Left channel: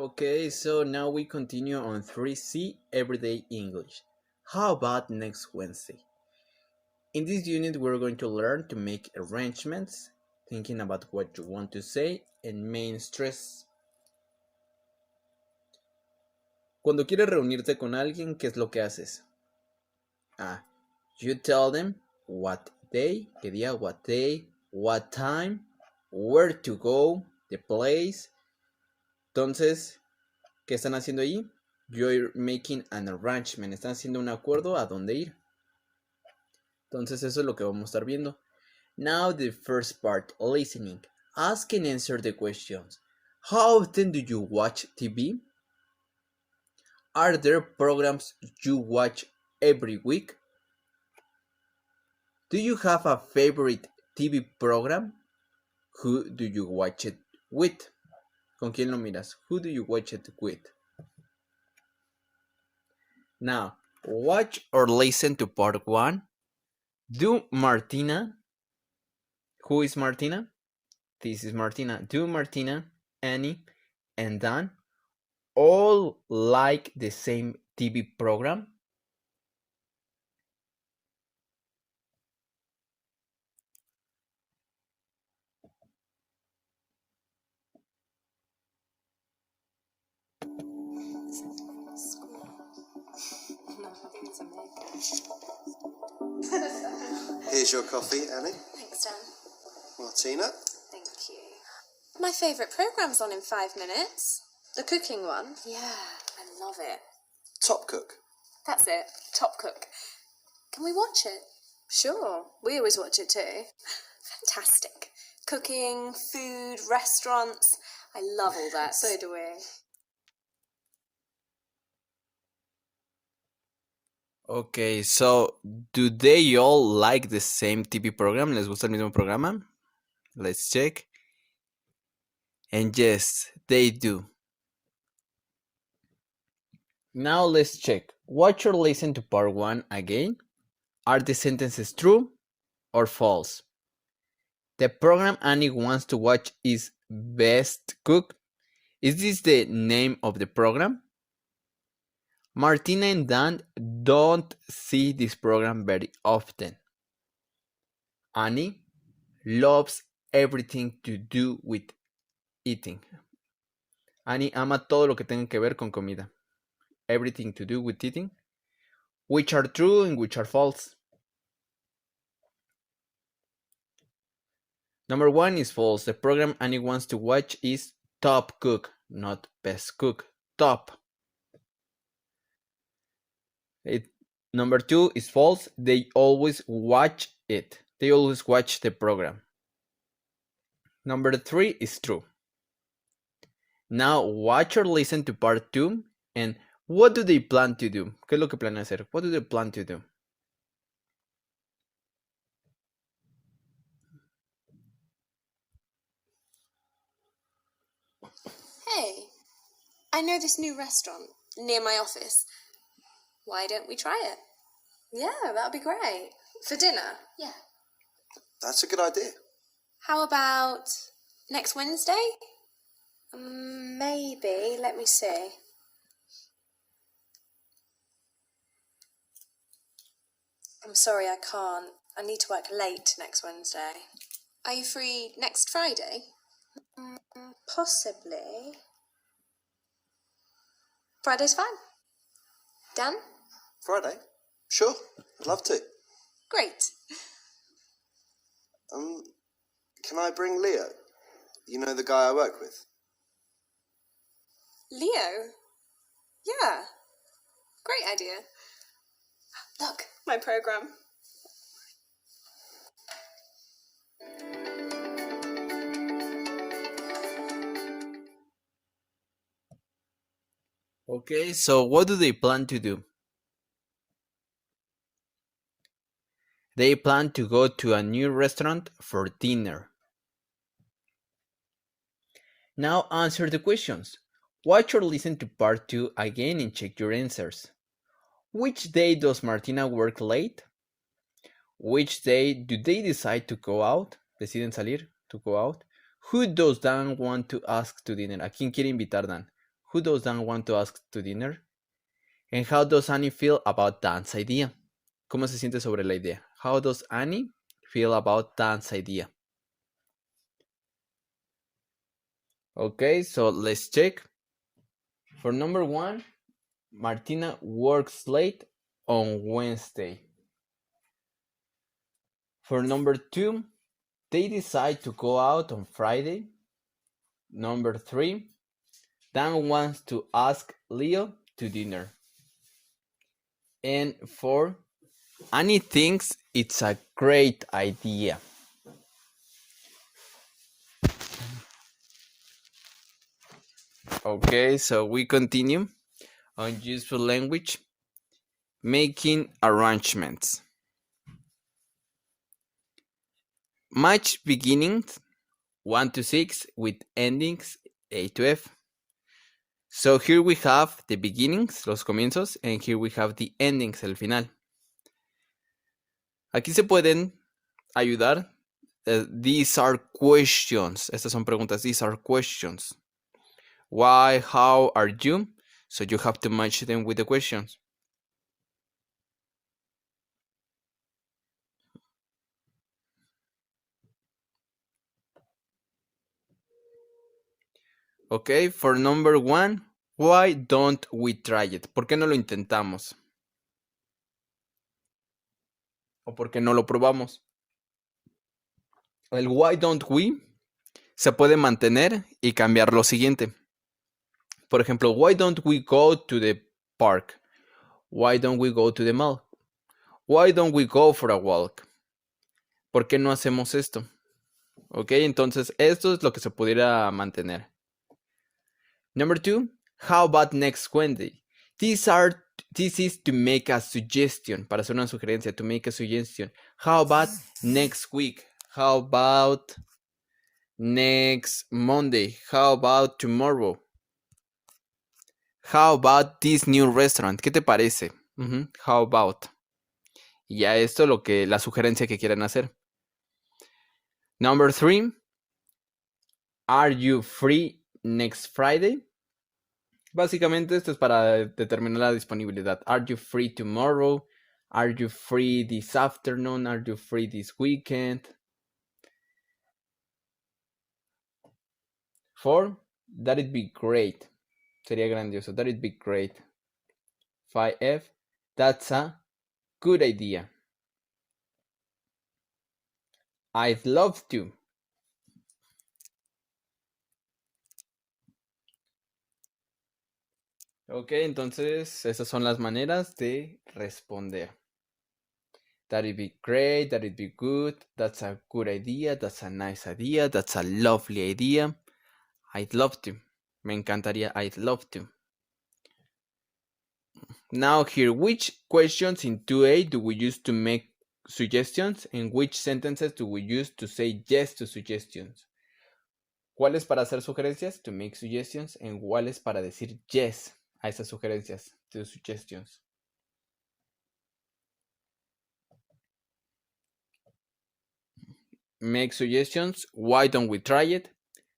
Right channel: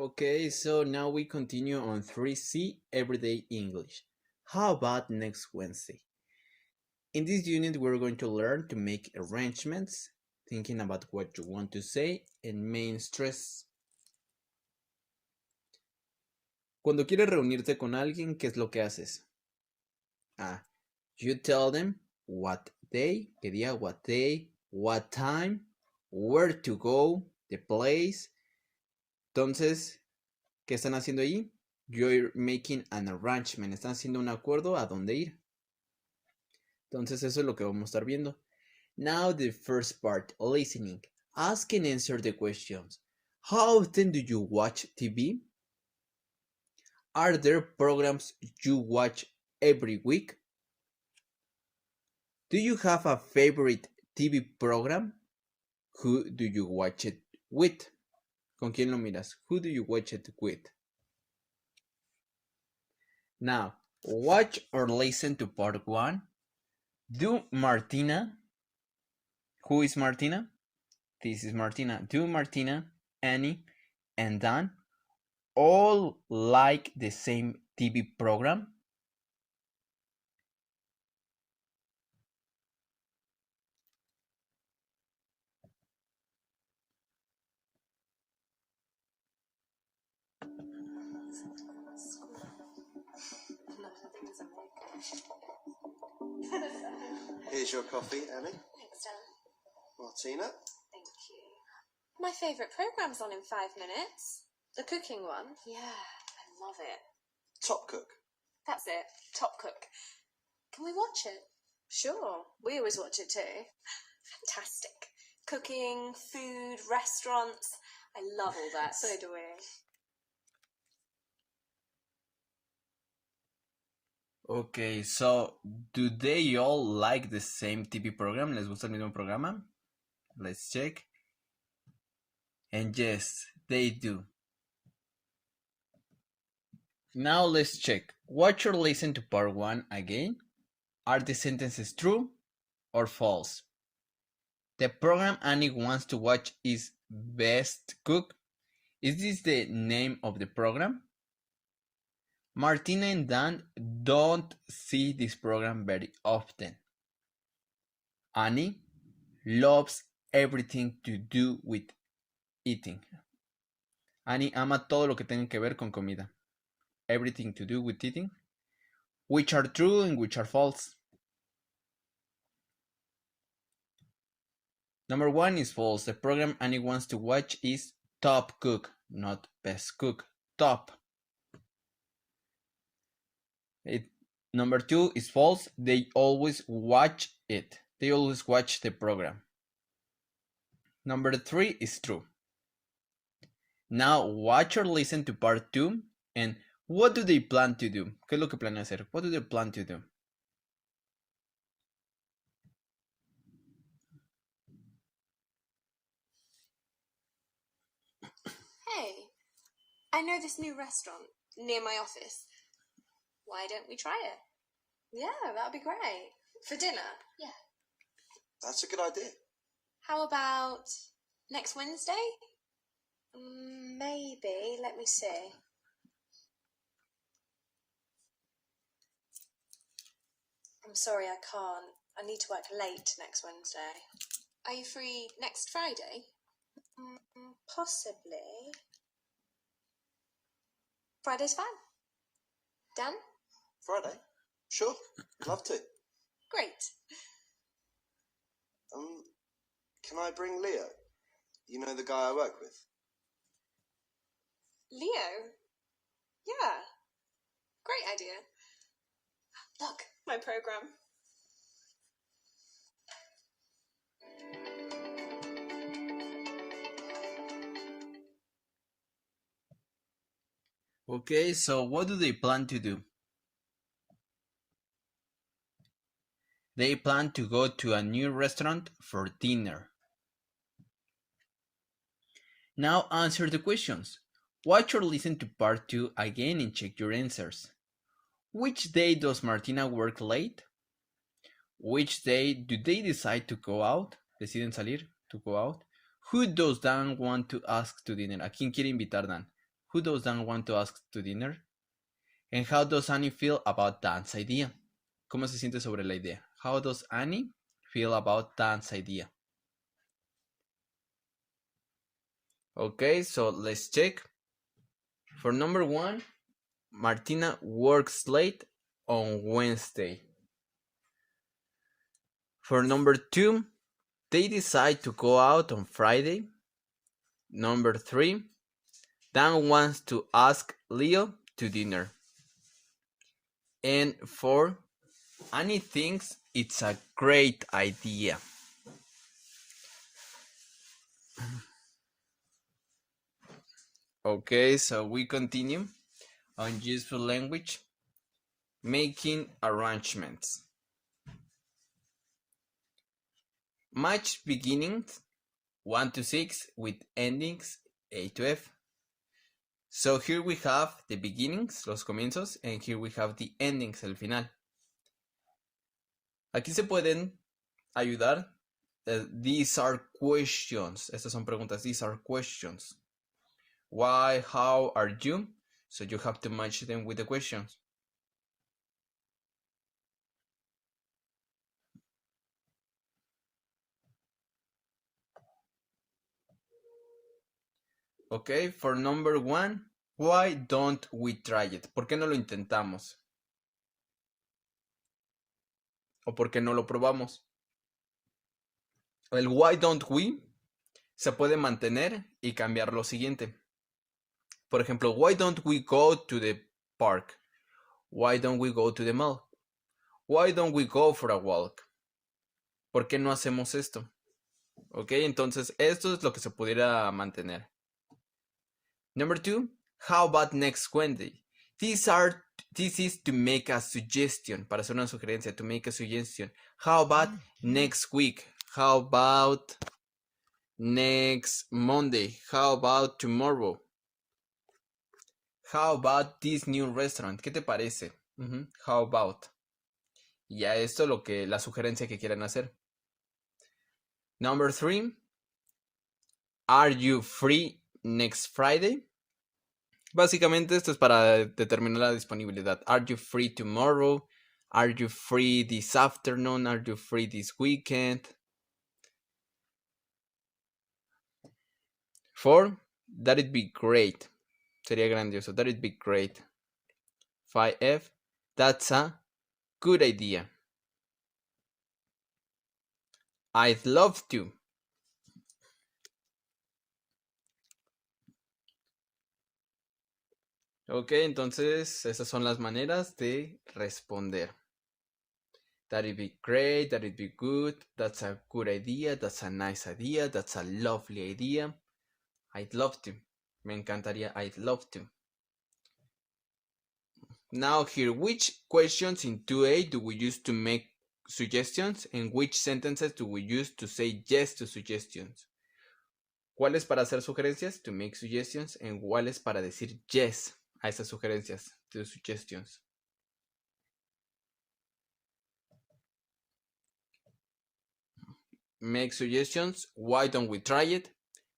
Okay, so now we continue on 3C Everyday English. How about next Wednesday? In this unit, we're going to learn to make arrangements, thinking about what you want to say, and main stress. Cuando quieres reunirte con alguien, ¿qué es lo que haces? You tell them what day, qué día, what day, what time, where to go, the place. Entonces, ¿qué están haciendo ahí? You're making an arrangement. Están haciendo un acuerdo a dónde ir. Entonces, eso es lo que vamos a estar viendo. Now, the first part, listening. Ask and answer the questions. How often do you watch TV? Are there programs you watch every week? Do you have a favorite TV program? Who do you watch it with? ¿Con quién lo miras? Who do you watch it with? Now, watch or listen to part 1. Do Martina, who is Martina? This is Martina. Do Martina, Annie, and Dan all like the same TV program? Here's your coffee, Annie. Thanks, Dan. Martina. Thank you. My favourite programme's on in 5 minutes. The cooking one. Yeah, I love it. Top Cook. That's it. Top Cook. Can we watch it? Sure. We always watch it too. Fantastic. Cooking, food, restaurants. I love all that. So do we. Okay, so do they all like the same TV program? ¿Les gusta el mismo programa? Let's check. And yes, they do. Now let's check. Watch or listen to part 1 again. Are the sentences true or false? The program Annie wants to watch is Best Cook. Is this the name of the program? Martina and Dan don't see this program very often. Annie loves everything to do with eating. Annie ama todo lo que tenga que ver con comida. Everything to do with eating. Which are true and which are false? Number 1 is false. The program Annie wants to watch is Top Cook, not Best Cook. Top. Number 2 is false. They always watch it. They always watch the program. Number 3 is true. Now watch or listen to part 2 and what do they plan to do? ¿Qué es lo que planean hacer? What do they plan to do? Hey, I know this new restaurant near my office. Why don't we try it? Yeah, that would be great. For dinner? Yeah. That's a good idea. How about next Wednesday? Maybe. Let me see. I'm sorry, I can't. I need to work late next Wednesday. Are you free next Friday? Possibly. Friday's fine. Dan? Friday? Sure. I'd love to. Great. Can I bring Leo? You know the guy I work with? Leo? Yeah. Great idea. Look, my program. Okay, so what do they plan to do? They plan to go to a new restaurant for dinner. Now answer the questions. Watch or listen to part 2 again and check your answers. Which day does Martina work late? Which day do they decide to go out? Deciden salir, to go out. Who does Dan want to ask to dinner? ¿A quién quiere invitar Dan? Who does Dan want to ask to dinner? And how does Annie feel about Dan's idea? ¿Cómo se siente sobre la idea? How does Annie feel about Dan's idea? Okay, so let's check. For number 1, Martina works late on Wednesday. For number 2, they decide to go out on Friday. Number 3, Dan wants to ask Leo to dinner. And 4, Annie thinks it's a great idea. Okay, so we continue on useful language, making arrangements. Match beginnings 1 to 6 with endings A to F. So here we have the beginnings, los comienzos, and here we have the endings, el final. Aquí se pueden ayudar. These are questions. Estas son preguntas. These are questions. Why, how are you? So you have to match them with the questions. Okay, for number 1, why don't we try it? ¿Por qué no lo intentamos? ¿O por qué no lo probamos? El why don't we se puede mantener y cambiar lo siguiente. Por ejemplo, why don't we go to the park? Why don't we go to the mall? Why don't we go for a walk? ¿Por qué no hacemos esto? Ok, entonces esto es lo que se pudiera mantener. Number 2, how about next Wednesday? This is to make a suggestion, para hacer una sugerencia, to make a suggestion. How about next week? How about next Monday? How about tomorrow? How about this new restaurant? ¿Qué te parece? How about? Y ya esto es la sugerencia que quieren hacer. Number 3, are you free next Friday? Básicamente esto es para determinar la disponibilidad. Are you free tomorrow? Are you free this afternoon? Are you free this weekend? 4, that'd be great. Sería grandioso. That'd be great. 5F, that's a good idea. I'd love to. Ok, entonces esas son las maneras de responder. That'd be great, that'd be good, that's a good idea, that's a nice idea, that's a lovely idea. I'd love to. Me encantaría, I'd love to. Now here, which questions in 2A do we use to make suggestions and which sentences do we use to say yes to suggestions? ¿Cuáles para hacer sugerencias? To make suggestions. And ¿cuáles para decir yes a esas sugerencias? To suggestions. Make suggestions. Why don't we try it?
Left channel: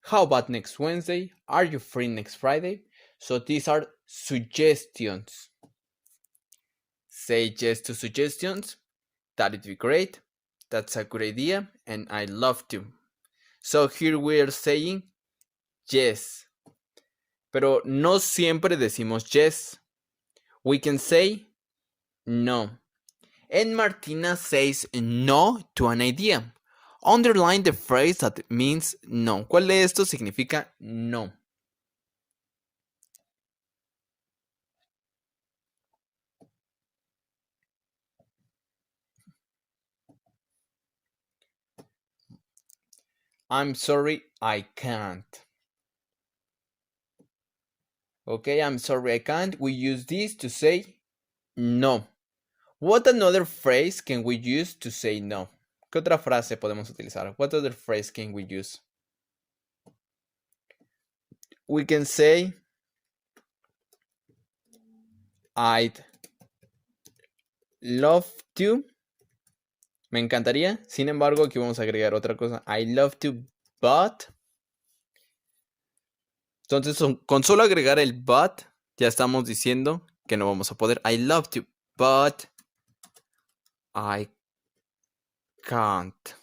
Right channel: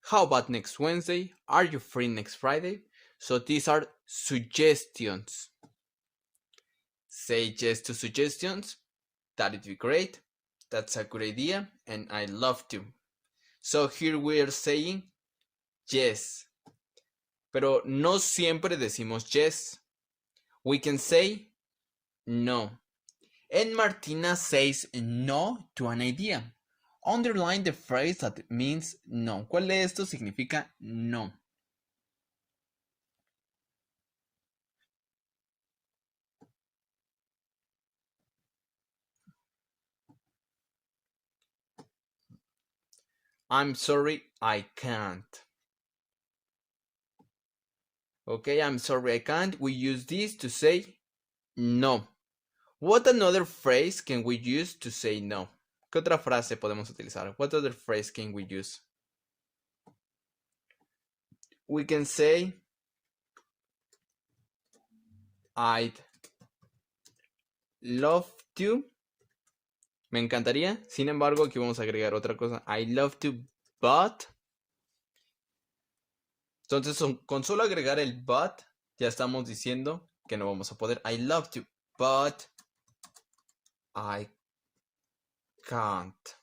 How about next Wednesday? Are you free next Friday? So these are suggestions. Say yes to suggestions. That'd be great. That's a good idea. And I love to. So here we're saying yes. Pero no siempre decimos yes. We can say no. And Martina says no to an idea. Underline the phrase that means no. ¿Cuál de estos significa no? I'm sorry, I can't. Okay, I'm sorry, I can't. We use this to say no. What another phrase can we use to say no? ¿Qué otra frase podemos utilizar? What other phrase can we use? We can say I'd love to. Me encantaría. Sin embargo, aquí vamos a agregar otra cosa. I love to, but. Entonces, con solo agregar el but, ya estamos diciendo que no vamos a poder. I love to, but I can't.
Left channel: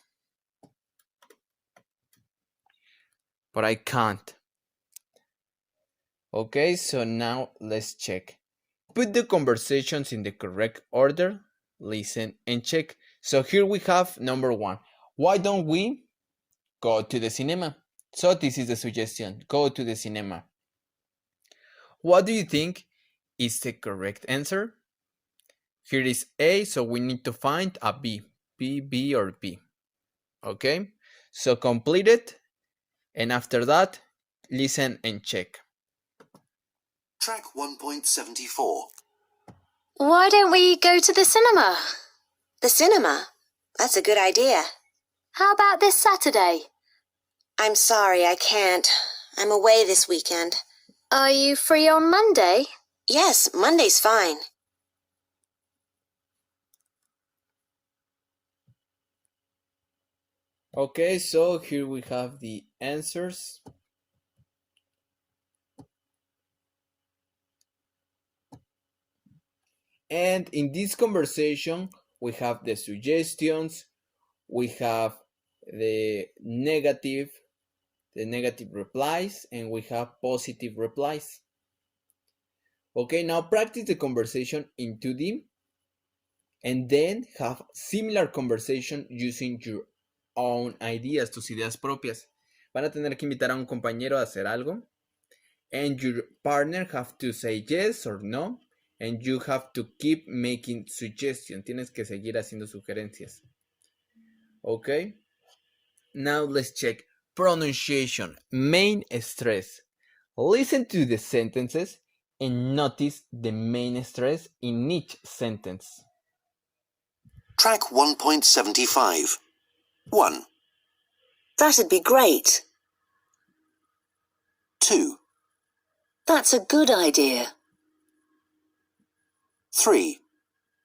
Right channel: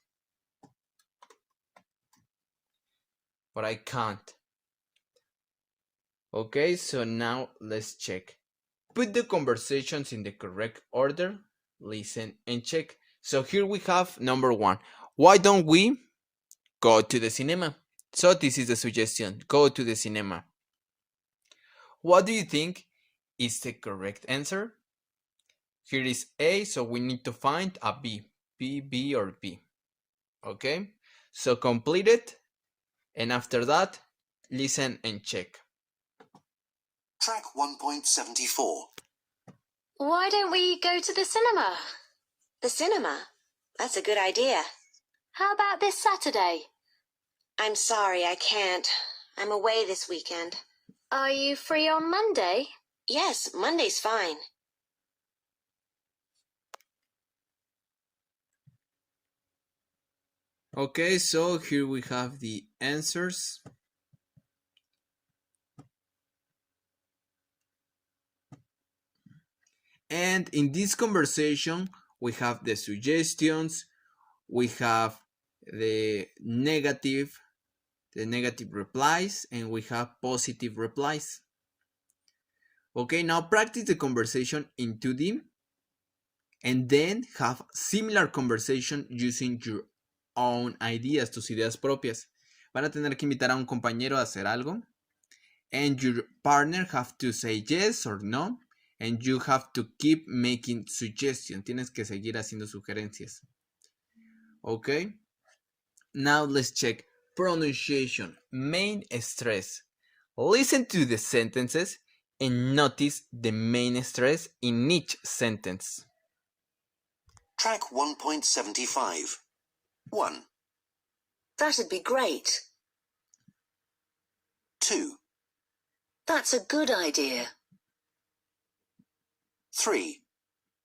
But I can't. Okay, so now let's check. Put the conversations in the correct order, listen and check. So here we have number 1. Why don't we go to the cinema? So this is the suggestion. Go to the cinema. What do you think is the correct answer? Here is A, so we need to find a B. B, B, or B. Okay, so complete it. And after that, listen and check. Track 1.74. Why don't we go to the cinema? The cinema? That's a good idea. How about this Saturday? I'm sorry, I can't. I'm away this weekend. Are you free on Monday? Yes, Monday's fine. Okay, so here we have the answers. And in this conversation, we have the suggestions, we have the negative replies, and we have positive replies. Okay, now practice the conversation in 2D and then have similar conversation using your own ideas, tus ideas propias. Van a tener que invitar a un compañero a hacer algo and your partner have to say yes or no and you have to keep making suggestions. Tienes que seguir haciendo sugerencias. Okay? Now let's check pronunciation, main stress. Listen to the sentences and notice the main stress in each sentence. Track 1.75. 1, That'd be great. 2, That's a good idea. 3,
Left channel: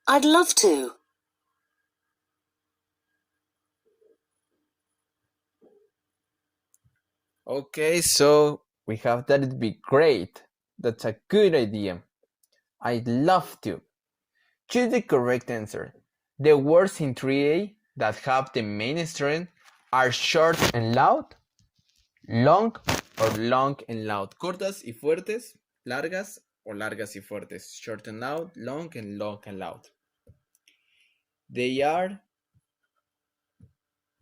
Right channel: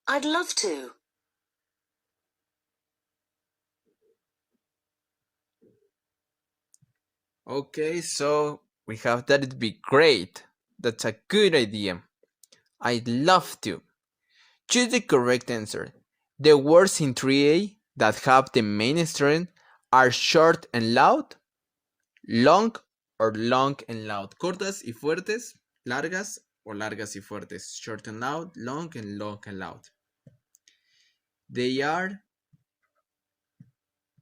I'd love to. Okay, so we have that it'd be great. That's a good idea. I'd love to. Choose the correct answer. The words in 3A that have the main stress are short and loud, long or long and loud. Cortas y fuertes, largas o largas y fuertes. Short and loud, long and loud. They are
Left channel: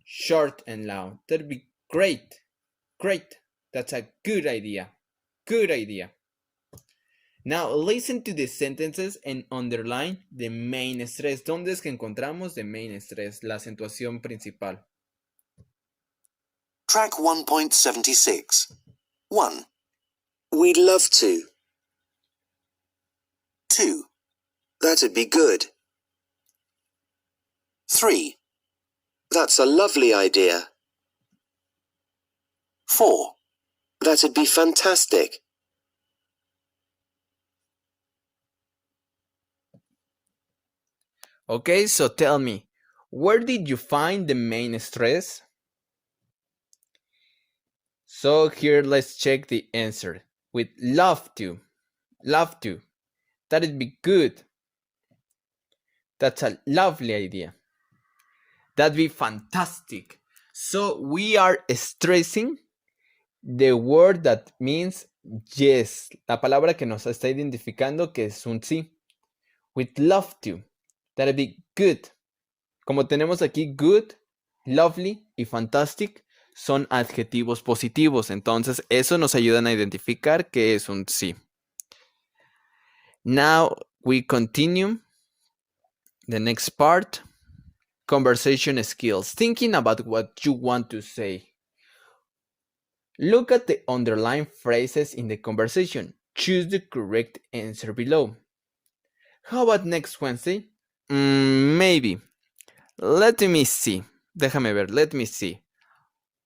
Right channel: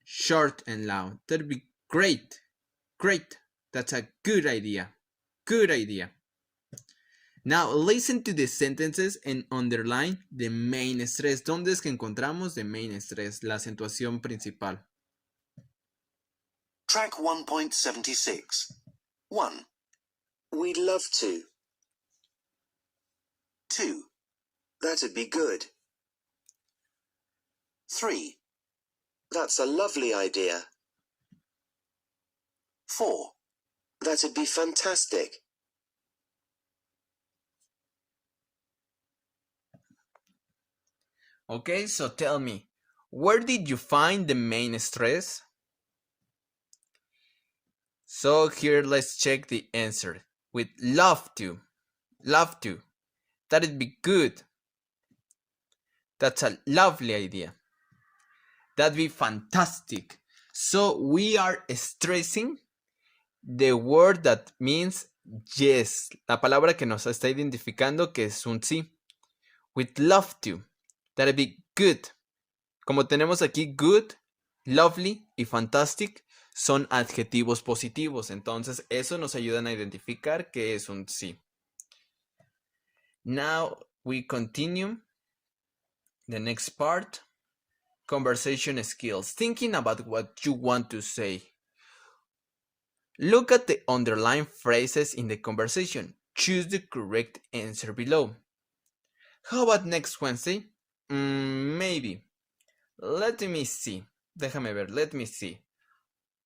short and loud. That'd be great. Great. That's a good idea. Good idea. Now listen to the sentences and underline the main stress. ¿Dónde es que encontramos the main stress? La acentuación principal. Track 1.76. 1, We'd love to. 2, That'd be good. 3, That's a lovely idea. 4, That'd be fantastic. Okay, so tell me, where did you find the main stress? So here let's check the answer. With love to. Love to. That'd be good. That's a lovely idea. That'd be fantastic. So we are stressing the word that means yes. La palabra que nos está identificando que es un sí. With love to. That'd be good. Como tenemos aquí good, lovely y fantastic, son adjetivos positivos. Entonces, eso nos ayuda a identificar que es un sí. Now, we continue. The next part, conversation skills. Thinking about what you want to say. Look at the underlined phrases in the conversation. Choose the correct answer below. How about next Wednesday? Maybe. Let me see. Déjame ver. Let me see.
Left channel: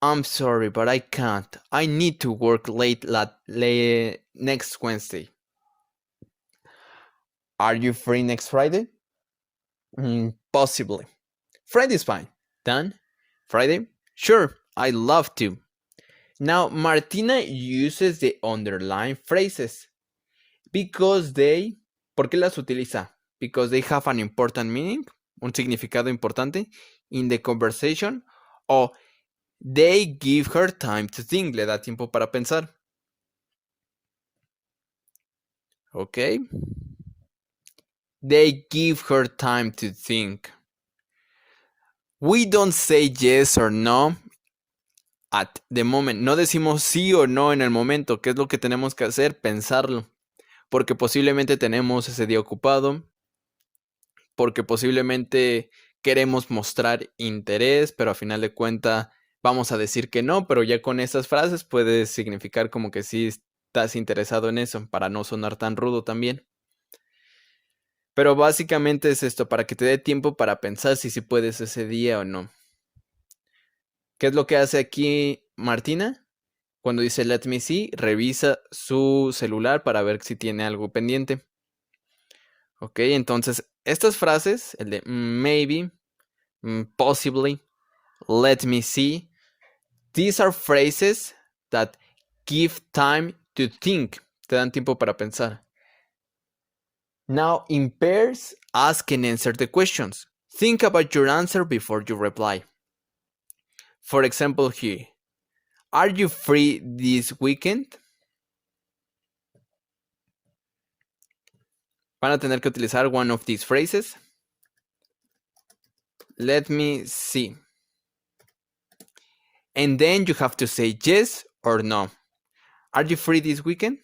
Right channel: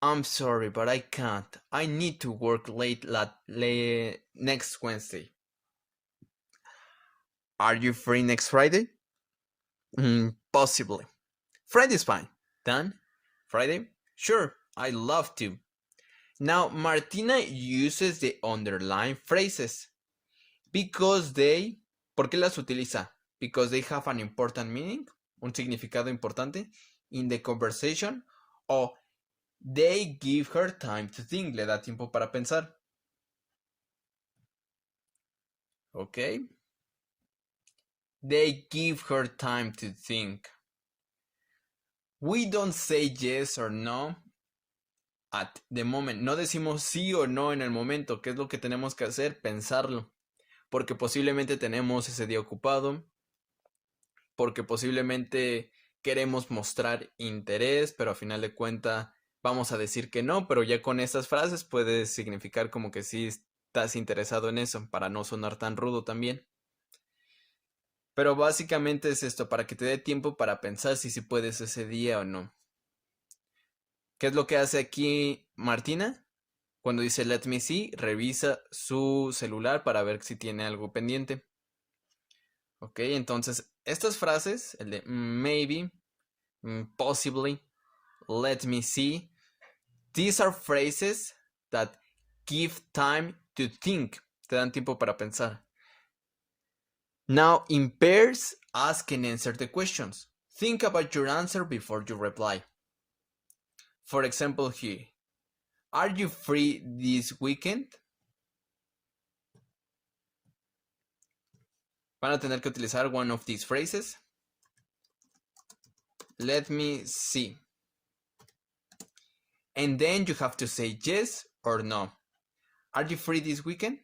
I'm sorry, but I can't. I need to work late next Wednesday. Are you free next Friday? Possibly. Friday's fine. Done? Friday? Sure, I'd love to. Now, Martina uses the underlined phrases because they, ¿por qué las utiliza? Because they have an important meaning, un significado importante in the conversation, o they give her time to think, le da tiempo para pensar. ¿Ok? They give her time to think. We don't say yes or no at the moment. No decimos sí o no en el momento. ¿Qué es lo que tenemos que hacer? Pensarlo. Porque posiblemente tenemos ese día ocupado. Porque posiblemente queremos mostrar interés, pero a final de cuentas vamos a decir que no. Pero ya con esas frases puede significar como que sí estás interesado en eso, para no sonar tan rudo también. Pero básicamente es esto, para que te dé tiempo para pensar si puedes ese día o no. ¿Qué es lo que hace aquí Martina? Cuando dice let me see, revisa su celular para ver si tiene algo pendiente. Ok, entonces estas frases, el de maybe, possibly, let me see, these are phrases that give time to think. Te dan tiempo para pensar. Now, in pairs, ask and answer the questions. Think about your answer before you reply. For example, here, are you free this weekend? Van a tener que utilizar one of these phrases. Let me see. And then you have to say yes or no. Are you free this weekend?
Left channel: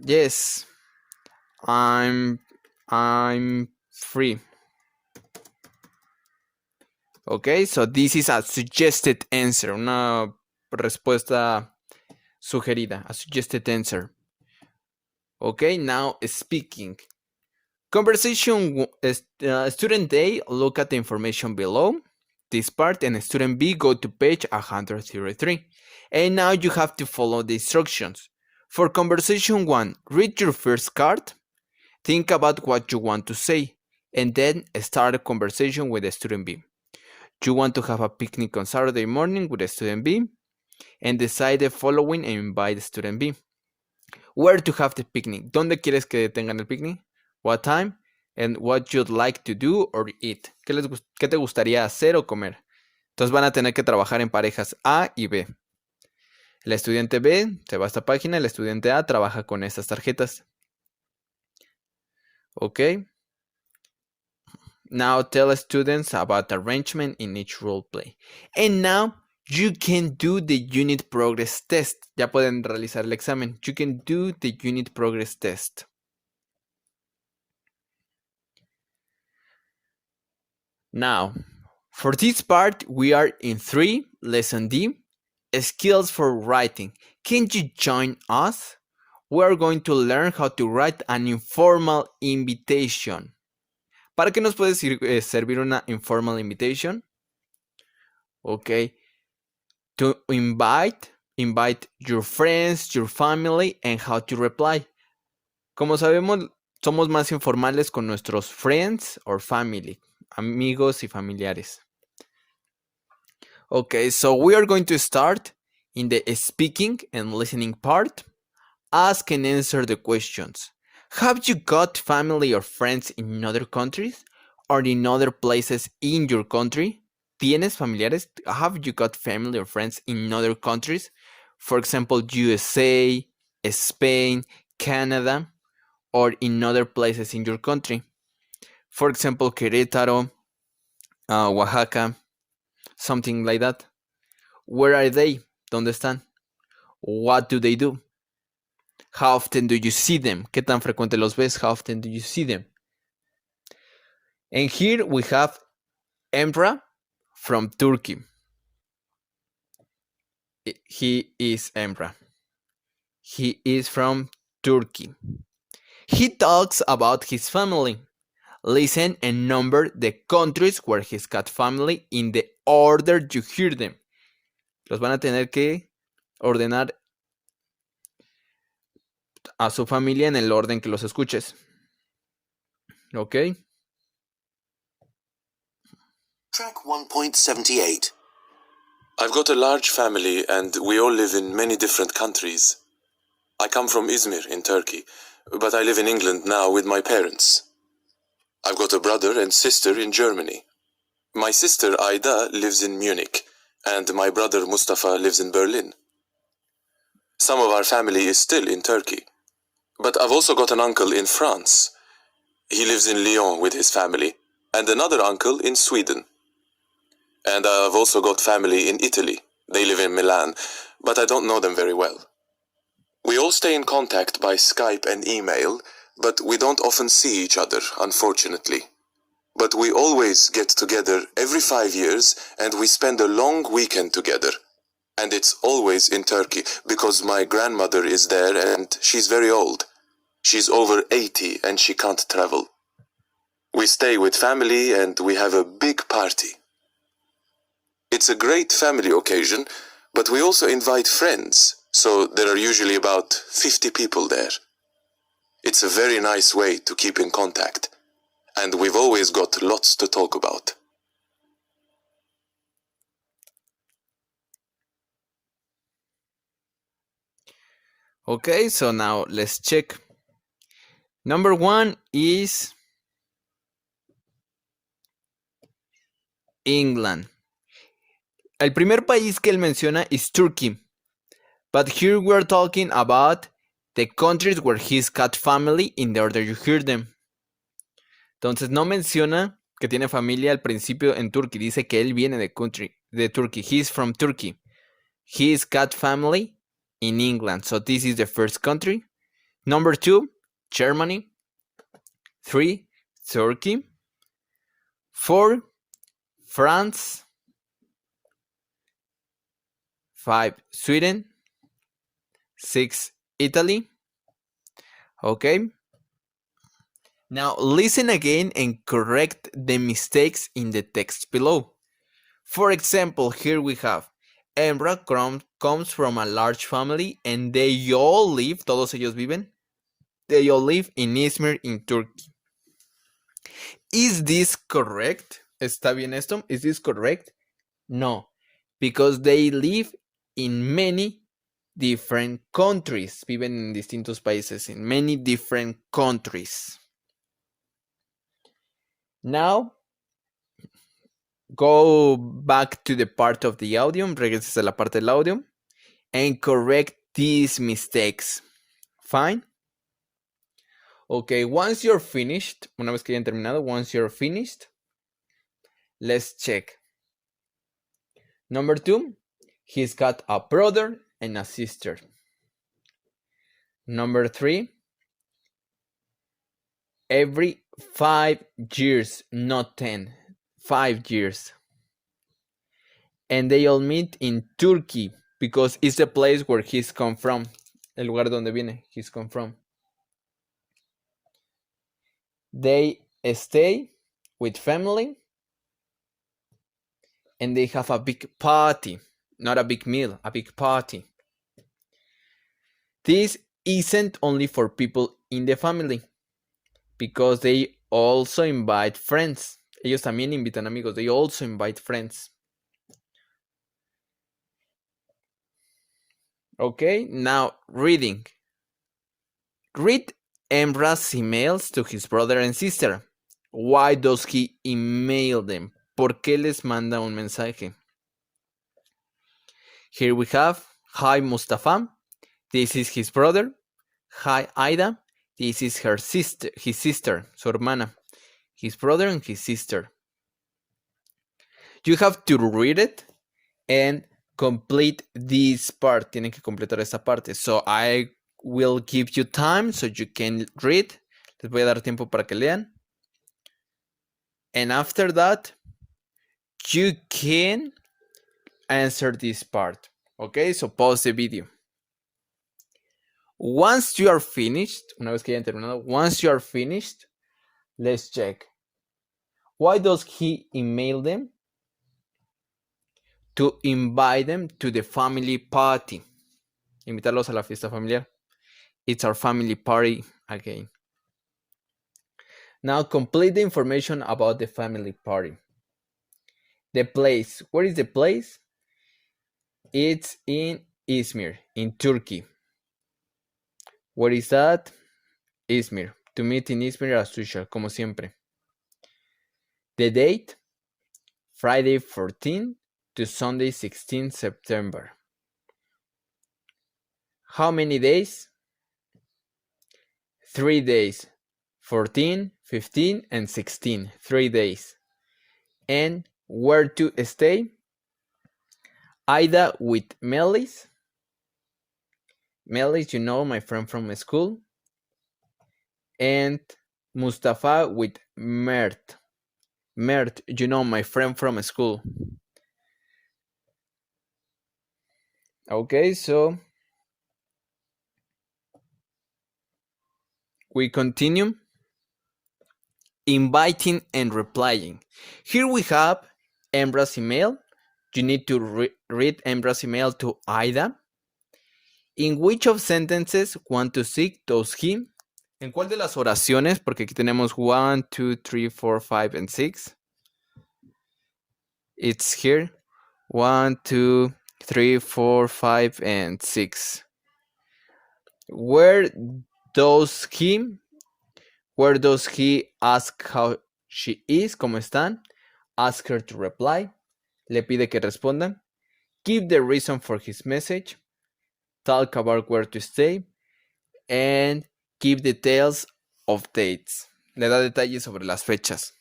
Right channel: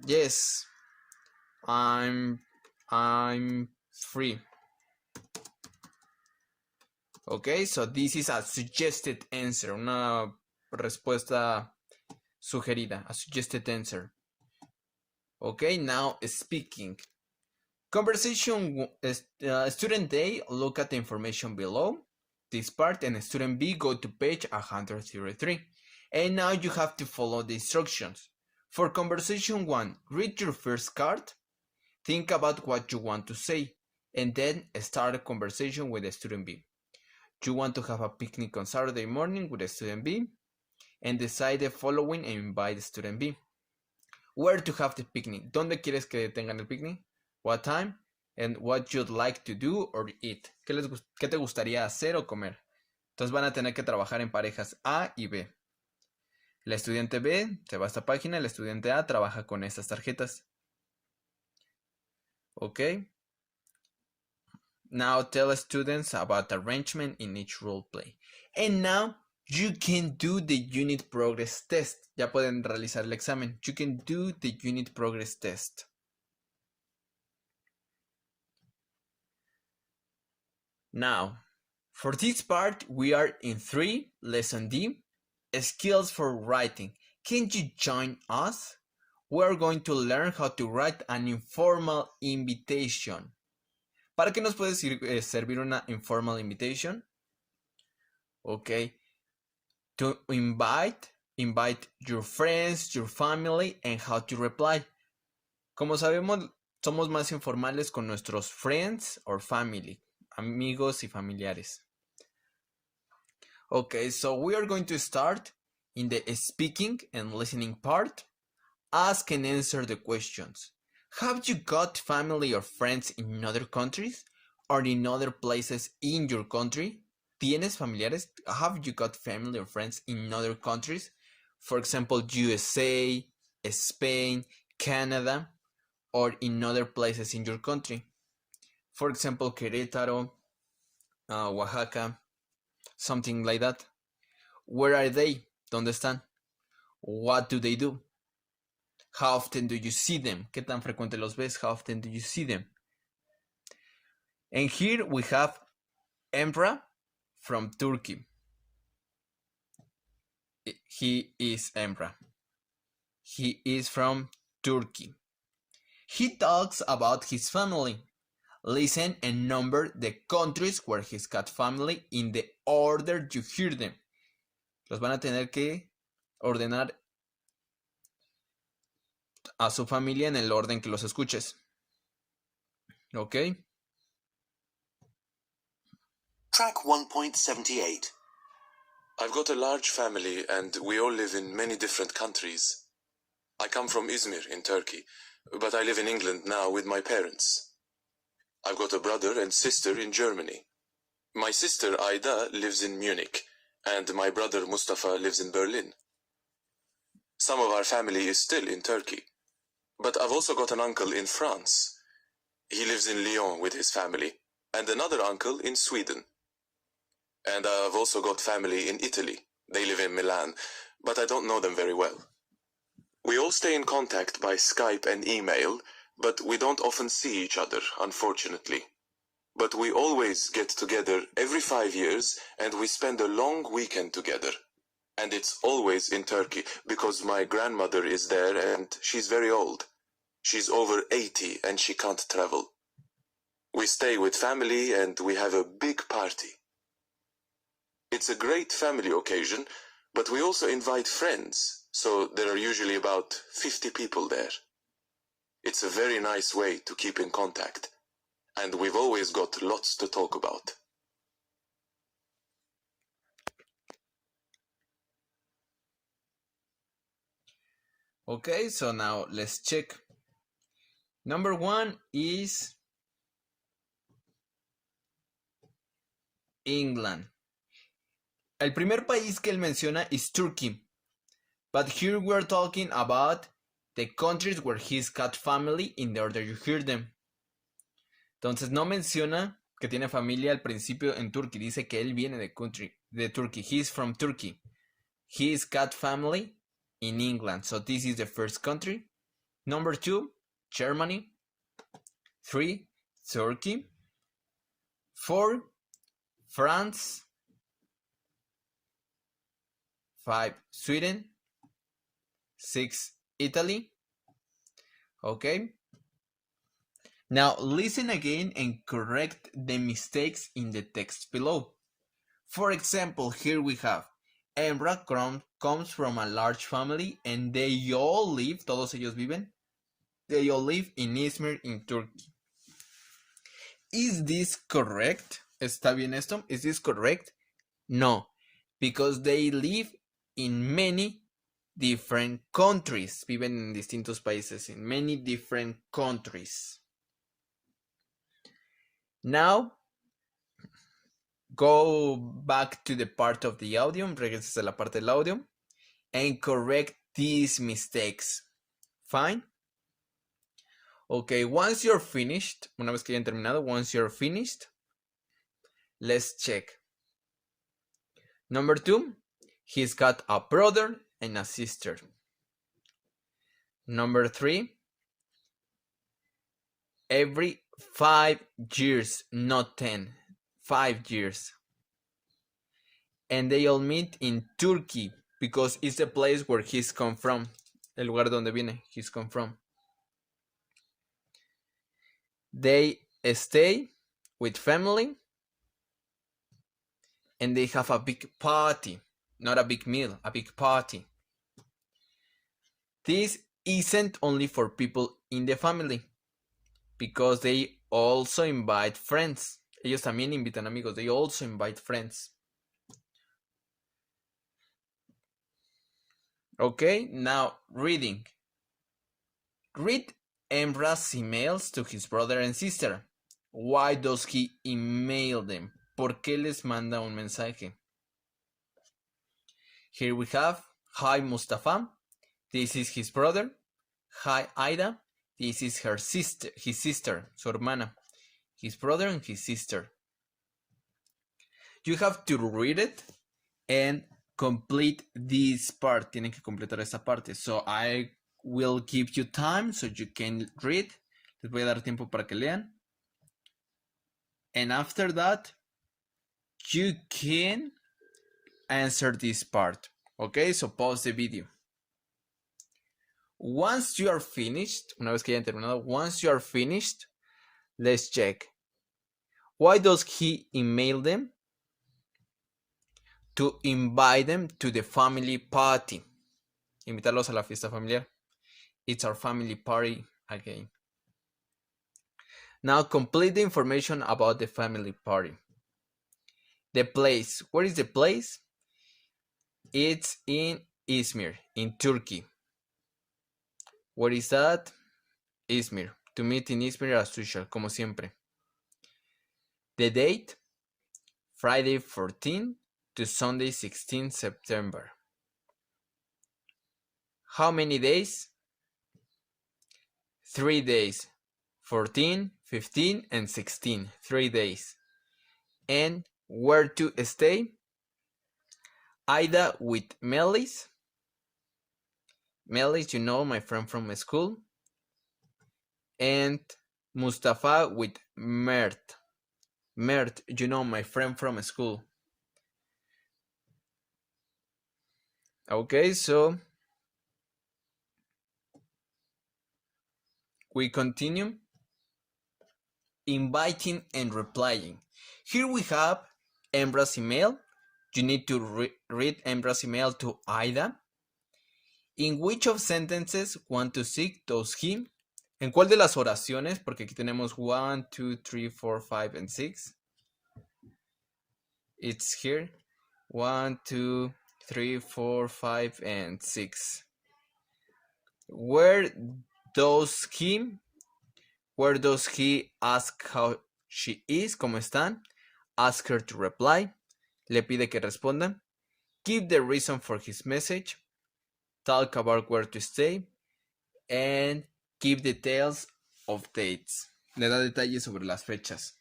Yes, I'm free. Okay, so this is a suggested answer, una respuesta sugerida, a suggested answer. Okay, now speaking. Conversation, student A, look at the information below this part, and student B, go to page 133. And now you have to follow the instructions. For conversation 1, read your first card, think about what you want to say, and then start a conversation with student B. You want to have a picnic on Saturday morning with student B, and decide the following and invite student B. Where to have the picnic? ¿Dónde quieres que tengan el picnic? What time? And what you'd like to do or eat. ¿Qué te gustaría hacer o comer? Entonces van a tener que trabajar en parejas A y B. El estudiante B se va a esta página, el estudiante A trabaja con estas tarjetas. Ok. Now tell students about arrangement in each role play. And now you can do the unit progress test. Ya pueden realizar el examen. You can do the unit progress test. Now, for this part, we are in 3, lesson D, skills for writing. Can you join us? We are going to learn how to write an informal invitation. ¿Para qué nos puede servir una informal invitation? Okay. To invite your friends, your family, and how to reply. Como sabemos, somos más informales con nuestros friends or family, amigos y familiares. Okay, so we are going to start in the speaking and listening part. Ask and answer the questions. Have you got family or friends in other countries or in other places in your country? ¿Tienes familiares? Have you got family or friends in other countries? For example, USA, Spain, Canada, or in other places in your country. For example, Querétaro, Oaxaca, something like that. Where are they? ¿Dónde están? What do they do? How often do you see them? ¿Qué tan frecuente los ves? How often do you see them? And here we have Emra from Turkey. He is Emra. He is from Turkey. He talks about his family. Listen and number the countries where he's got family in the order you hear them. Los van a tener que ordenar a su familia en el orden que los escuches. ¿Ok? Track 1.78. I've got a large family and we all live in many different countries. I come from Izmir in Turkey, but I live in England now with my parents. I've got a brother and sister in Germany. My sister Aida lives in Munich, and my brother Mustafa lives in Berlin. Some of our family is still in Turkey, but I've also got an uncle in France. He lives in Lyon with his family, and another uncle in Sweden. And I've also got family in Italy. They live in Milan, but I don't know them very well. We all stay in contact by Skype and email, but we don't often see each other, unfortunately. But we always get together every 5 years and we spend a long weekend together. And it's always in Turkey, because my grandmother is there and she's very old. She's over 80 and she can't travel. We stay with family and we have a big party. It's a great family occasion, but we also invite friends, so there are usually about 50 people there. It's a very nice way to keep in contact, and we've always got lots to talk about. Okay, so now let's check. Number 1 is England. El primer país que él menciona is Turkey. But here we're talking about the countries where he's got family in the order you hear them. Entonces no menciona que tiene familia al principio en Turkey. Dice que él viene de Turkey. He's from Turkey. He's got family in England. So this is the first country. Number 2, Germany. 3, Turkey. 4, France. 5, Sweden. 6, Italy. Okay. Now listen again and correct the mistakes in the text below. For example, here we have Emra comes from a large family and they all live, todos ellos viven, they all live in Izmir in Turkey. Is this correct? ¿Está bien esto? Is this correct? No, because they live in many different countries. Viven en distintos países, in many different countries. Now, go back to the part of the audio, regreses a la parte del audio, and correct these mistakes. Fine? Okay, once you're finished, una vez que hayan terminado, once you're finished, let's check. Number 2, he's got a brother and a sister. Number 3, every 5 years, not 10, 5 years. And they all meet in Turkey because it's the place where he's come from, el lugar donde viene, he's come from. They stay with family and they have a big party, not a big meal, a big party. This isn't only for people in the family because they also invite friends. Ellos también invitan amigos. They also invite friends. Okay, now reading. Read Emra's emails to his brother and sister. Why does he email them? ¿Por qué les manda un mensaje? Here we have, hi Mustafa, this is his brother. Hi Aida, this is his sister, su hermana. His brother and his sister. You have to read it and complete this part. Tienen que completar esta parte. So I will give you time so you can read. Les voy a dar tiempo para que lean. And after that, you can answer this part. Okay, so pause the video. Once you are finished, una vez que hayan terminado, once you are finished, let's check. Why does he email them? To invite them to the family party. Invitarlos a la fiesta familiar. It's our family party again. Now complete the information about the family party. The place. Where is the place? It's in Izmir, in Turkey. Where is that? Izmir. To meet in Izmir as usual, como siempre. The date? Friday 14 to Sunday 16 September. How many days? 3 days. 14, 15, and 16. 3 days. And where to stay? Ida with Melis. Melis, you know, my friend from school. And Mustafa with Mert. Mert, you know, my friend from school. Okay, so we continue. Inviting and replying. Here we have Embra's email. You need to read Embra's email to Ida. In which of sentences 1 to 6 does he? ¿En cuál de las oraciones? Porque aquí tenemos 1, 2, 3, 4, 5, and 6. It's here. 1, 2, 3, 4, 5, and 6. Where does he ask how she is? ¿Cómo están? Ask her to reply. Le pide que responda. Give the reason for his message. Talk about where to stay. And give details of dates. Le da detalles sobre las fechas.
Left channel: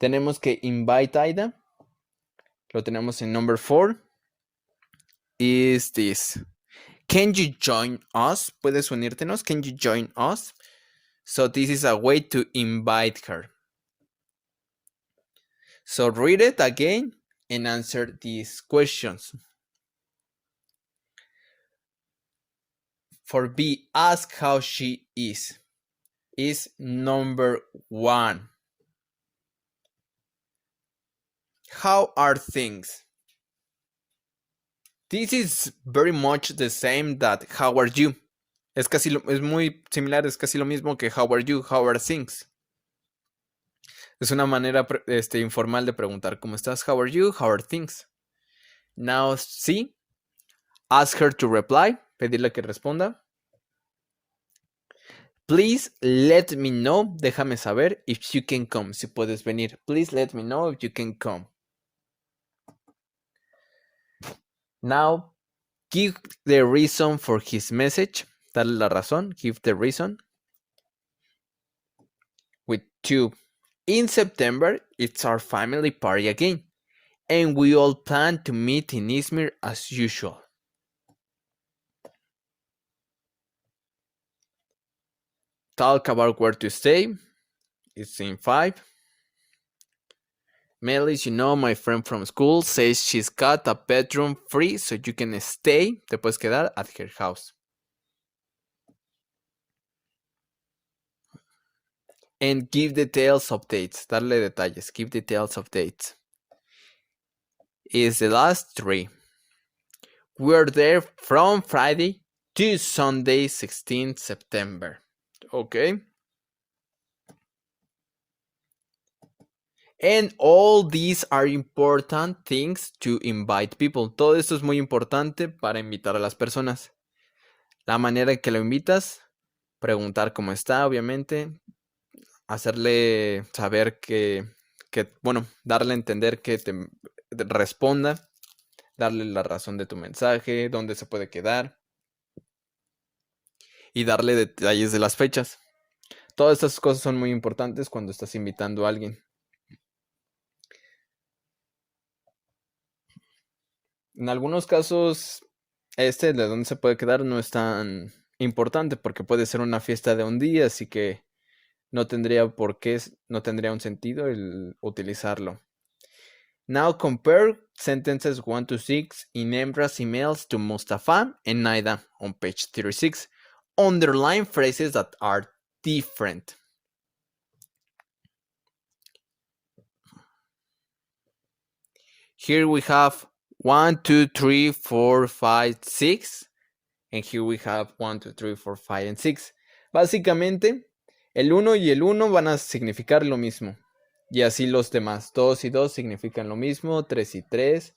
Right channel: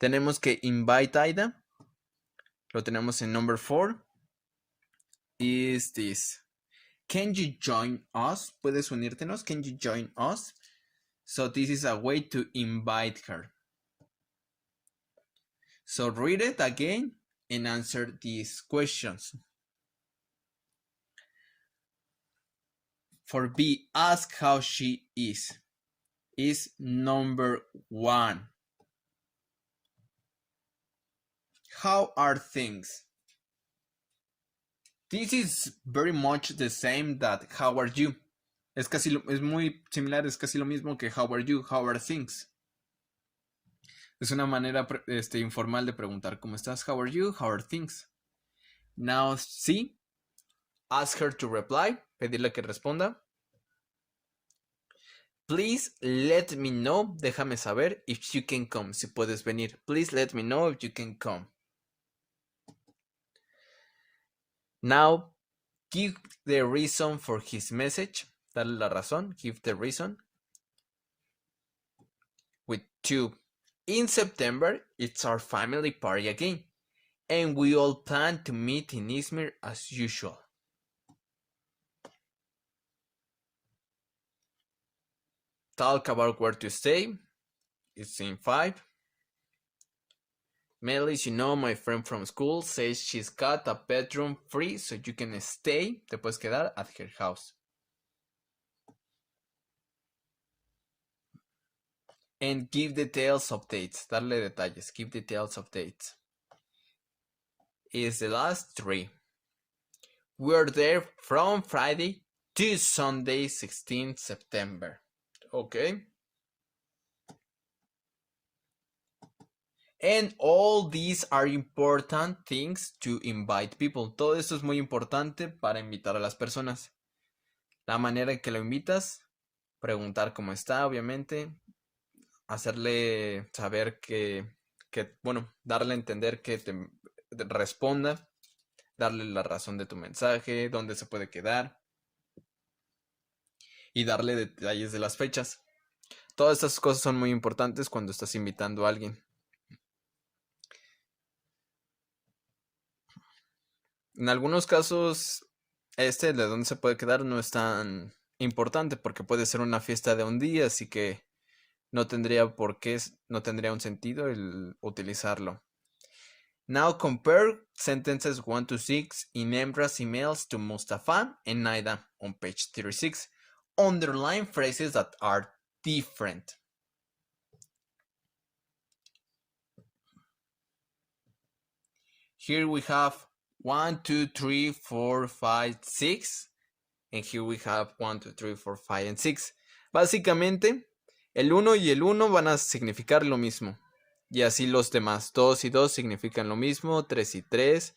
Tenemos que invite Ida. Lo tenemos en number 4. Is this. Can you join us? ¿Puedes unírtenos? Can you join us? So this is a way to invite her. So read it again and answer these questions. For B, ask how she is number 1. How are things? This is very much the same that how are you. Es muy similar, es casi lo mismo que how are you, how are things. Es una manera informal de preguntar ¿cómo estás? How are you? How are things? Now C, ask her to reply, pedirle que responda. Please let me know, déjame saber if you can come, si puedes venir. Please let me know if you can come. Now, give the reason for his message. Dale la razón, give the reason. With 2. In September, it's our family party again. And we all plan to meet in Izmir as usual. Talk about where to stay. It's in 5. Melis, you know, my friend from school says she's got a bedroom free so you can stay, te puedes quedar at her house. And give details of dates, darle detalles, give details of dates. Is the last 3. We're there from Friday to Sunday, 16 September. Okay. And all these are important things to invite people. Todo esto es muy importante para invitar a las personas. La manera en que lo invitas, preguntar cómo está, obviamente, hacerle saber bueno, darle a entender que te responda, darle la razón de tu mensaje, dónde se puede quedar y darle detalles de las fechas. Todas estas cosas son muy importantes cuando estás invitando a alguien. En algunos casos, de dónde se puede quedar no es tan importante porque puede ser una fiesta de un día, así que no tendría un sentido el utilizarlo. Now compare sentences 1 to 6 in Emra's emails to Mustafa and Naida on page 36. Underline phrases that are different. Here we have 1, 2, 3, 4, 5, 6. And here we have 1, 2, 3, 4, 5, and 6. Básicamente, el 1 y el 1 van a significar lo mismo. Y así los demás. 2 y 2 significan lo mismo. 3 y 3.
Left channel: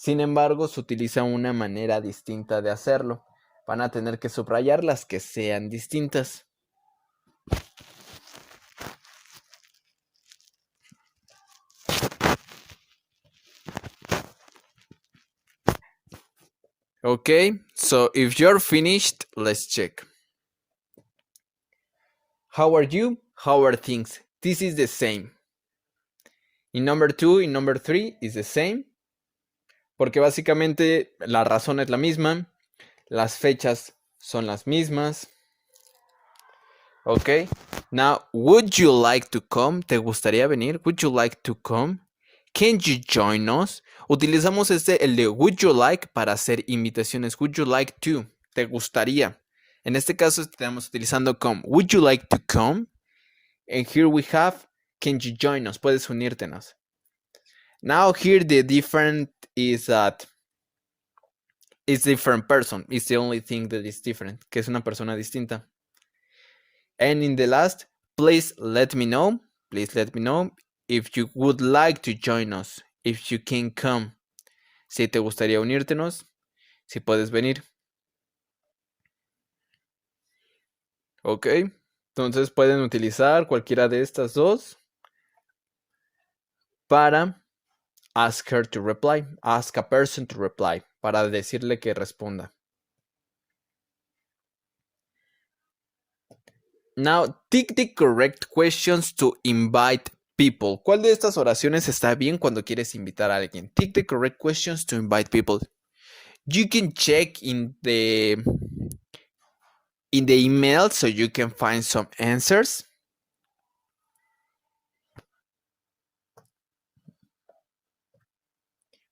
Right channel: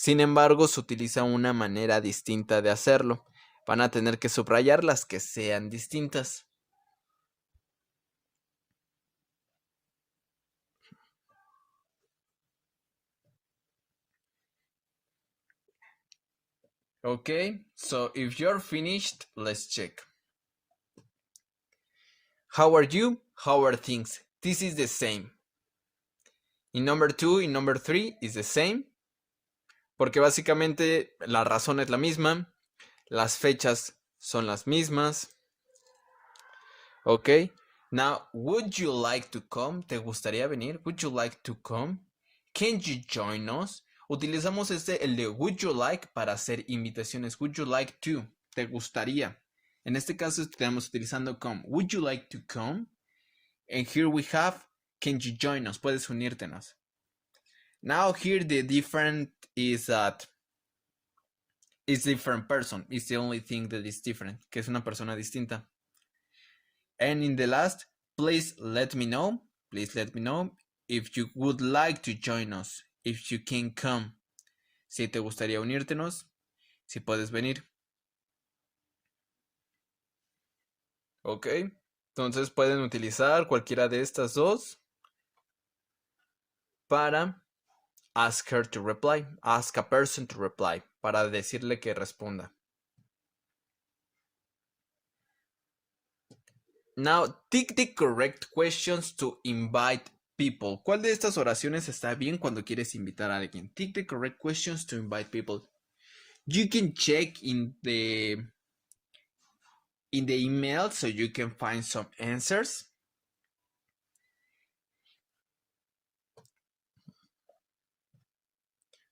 Sin embargo, se utiliza una manera distinta de hacerlo. Van a tener que subrayar las que sean distintas. Okay, so if you're finished, let's check. How are you? How are things? This is the same. In number 2 y number 3 is the same. Porque básicamente la razón es la misma. Las fechas son las mismas. Ok. Now, would you like to come? ¿Te gustaría venir? Would you like to come? Can you join us? Utilizamos el de would you like para hacer invitaciones. Would you like to? ¿Te gustaría? En este caso estamos utilizando come. Would you like to come? And here we have can you join us? Puedes unírtenos. Now here the different is that it's different person. It's the only thing that is different. Que es una persona distinta. And in the last, please let me know. Please let me know if you would like to join us. If you can come. Si te gustaría unírtenos. Si puedes venir. Ok. Entonces pueden utilizar cualquiera de estas dos para ask her to reply. Ask a person to reply. Para decirle que responda. Now, tick the correct questions to invite people. ¿Cuál de estas oraciones está bien cuando quieres invitar a alguien? Tick the correct questions to invite people. You can check in the email so you can find some answers.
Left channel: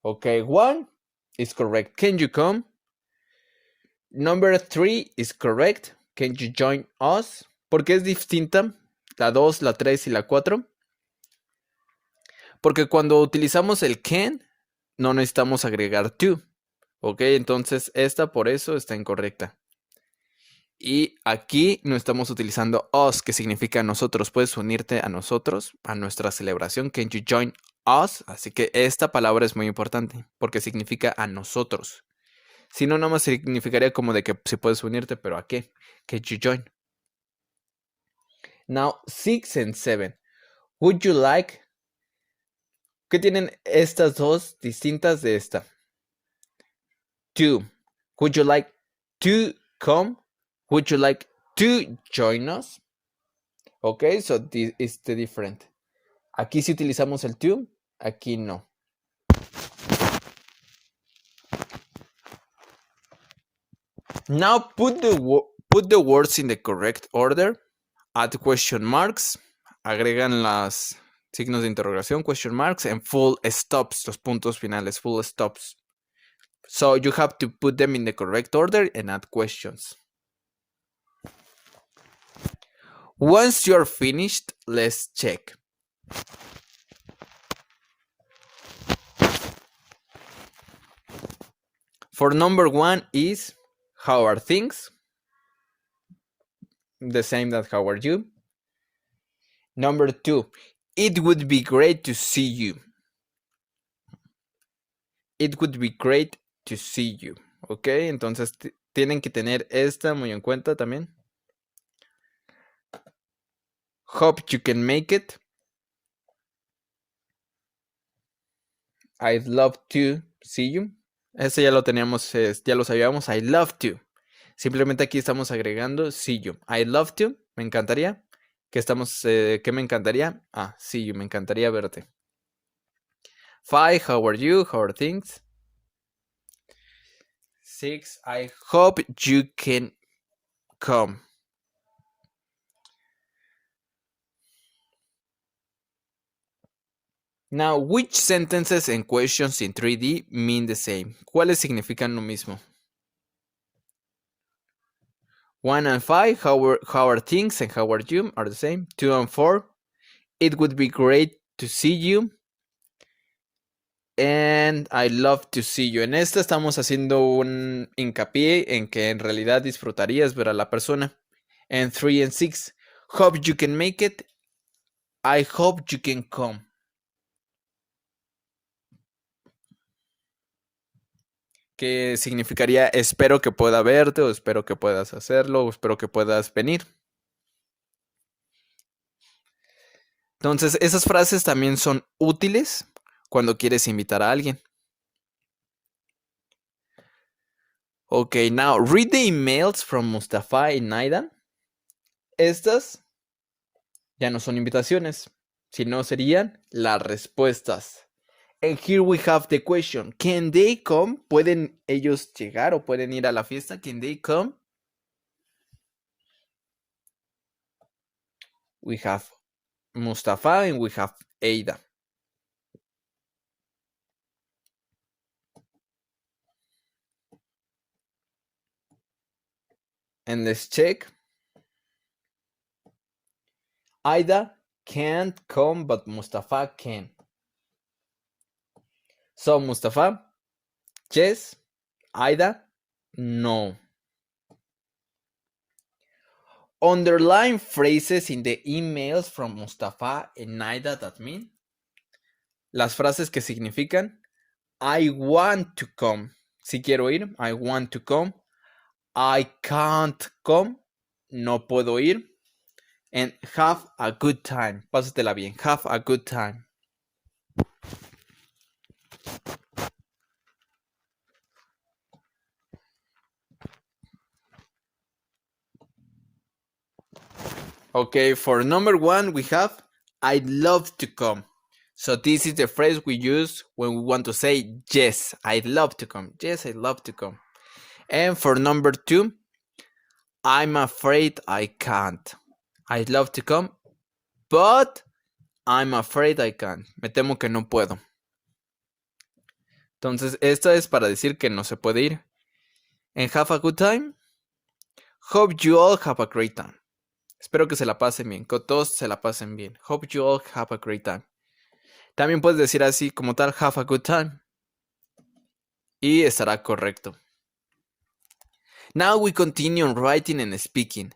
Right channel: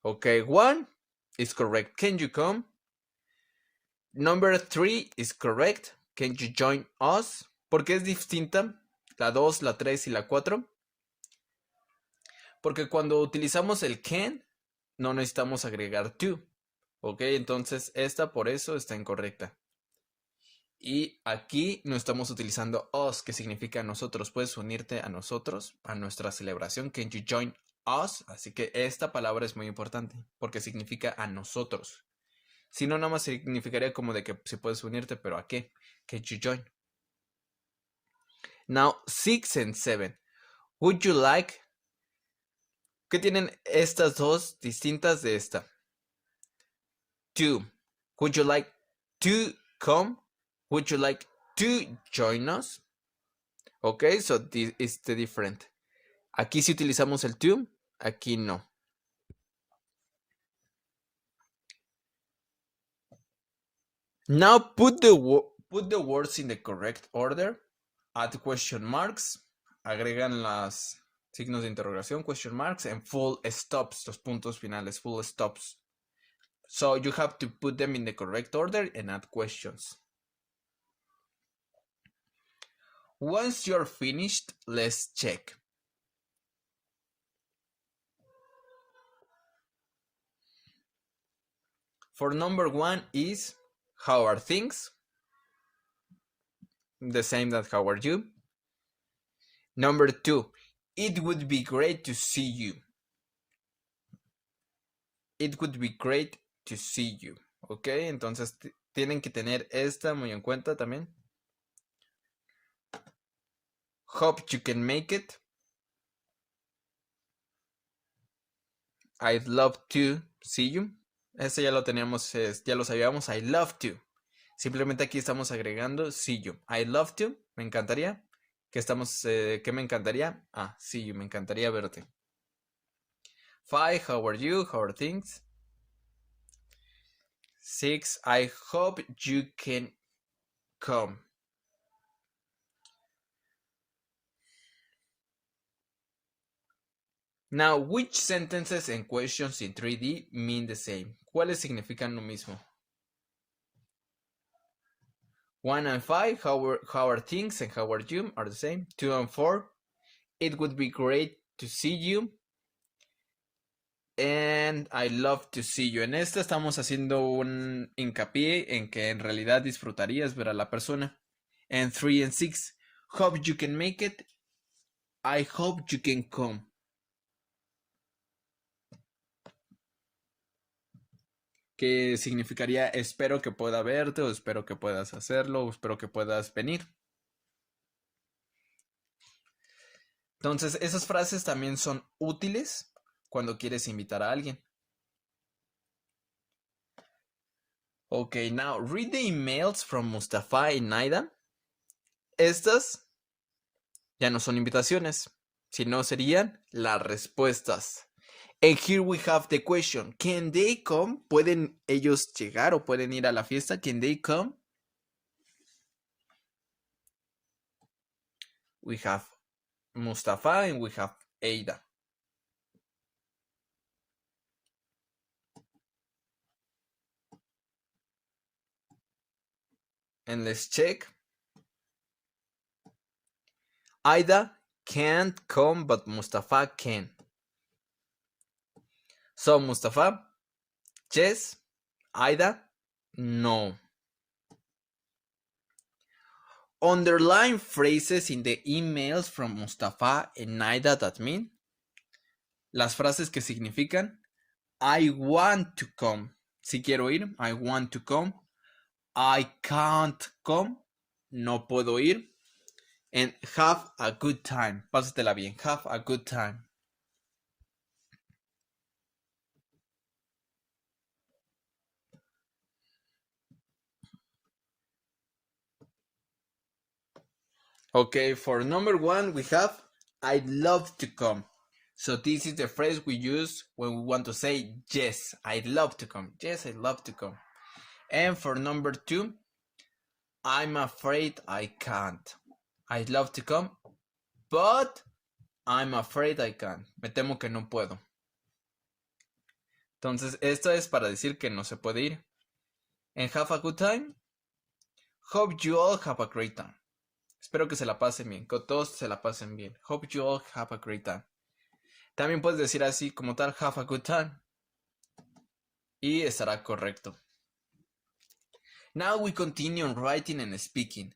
Okay, 1 is correct. Can you come? Number 3 is correct. Can you join us? ¿Por qué es distinta? La 2, la 3 y la 4. Porque cuando utilizamos el can, no necesitamos agregar to. Ok, entonces esta por eso está incorrecta. Y aquí no estamos utilizando us, que significa nosotros. Puedes unirte a nosotros, a nuestra celebración. Can you join us? Así que esta palabra es muy importante porque significa a nosotros. Si no, nada más significaría como de que si puedes unirte, pero ¿a qué? Can you join? Now, 6 and 7. Would you like? ¿Qué tienen estas dos distintas de esta? To. Would you like to come? Would you like to join us? Okay, so this is the different. Aquí sí utilizamos el to, aquí no. Now put the words in the correct order. Add question marks. Agregan las signos de interrogación, question marks, and full stops, los puntos finales, full stops. So you have to put them in the correct order and add questions. Once you're finished, let's check. For number 1 is, how are things? The same that how are you? Number 2, it would be great to see you. It would be great to see you. Ok, entonces tienen que tener esta muy en cuenta también. Hope you can make it. I'd love to see you. Ese ya lo teníamos, ya lo sabíamos. I love to. Simplemente aquí estamos agregando see you. I'd love to. Me encantaría. ¿Qué me encantaría? See you. Me encantaría verte. 5. How are you? How are things? 6. I hope you can come. Now, which sentences and questions in 3D mean the same? ¿Cuáles significan lo mismo? 1 and 5, how are things and how are you are the same. 2 and 4, it would be great to see you. And I love to see you. En esta estamos haciendo un hincapié en que en realidad disfrutarías ver a la persona. And 3 and 6, hope you can make it. I hope you can come. que significaría espero que pueda verte, o espero que puedas hacerlo, o espero que puedas venir. Entonces, esas frases también son útiles cuando quieres invitar a alguien. Okay, now read the emails from Mustafa and Naida. Estas ya no son invitaciones, sino serían las respuestas. And here we have the question. Can they come? ¿Pueden ellos llegar o pueden ir a la fiesta? Can they come? We have Mustafa and we have Ada. And let's check. Aida can't come, but Mustafa can. So Mustafa, yes. Aida, no. Underline phrases in the emails from Mustafa and Aida that mean. Las frases que significan I want to come. Si quiero ir, I want to come. I can't come. No puedo ir. And have a good time. Pásatela bien. Have a good time. Okay, for number one, we have I'd love to come. So this is the phrase we use when we want to say yes, I'd love to come. Yes, I'd love to come. And for number two, I'm afraid I can't. I'd love to come, but I'm afraid I can't. Me temo que no puedo. Entonces, esta es para decir que no se puede ir. And have a good time. Hope you all have a great time. Espero que se la pasen bien, que todos se la pasen bien. Hope you all have a great time. También puedes decir así como tal, have a good time. Y estará correcto. Now we continue on writing and speaking.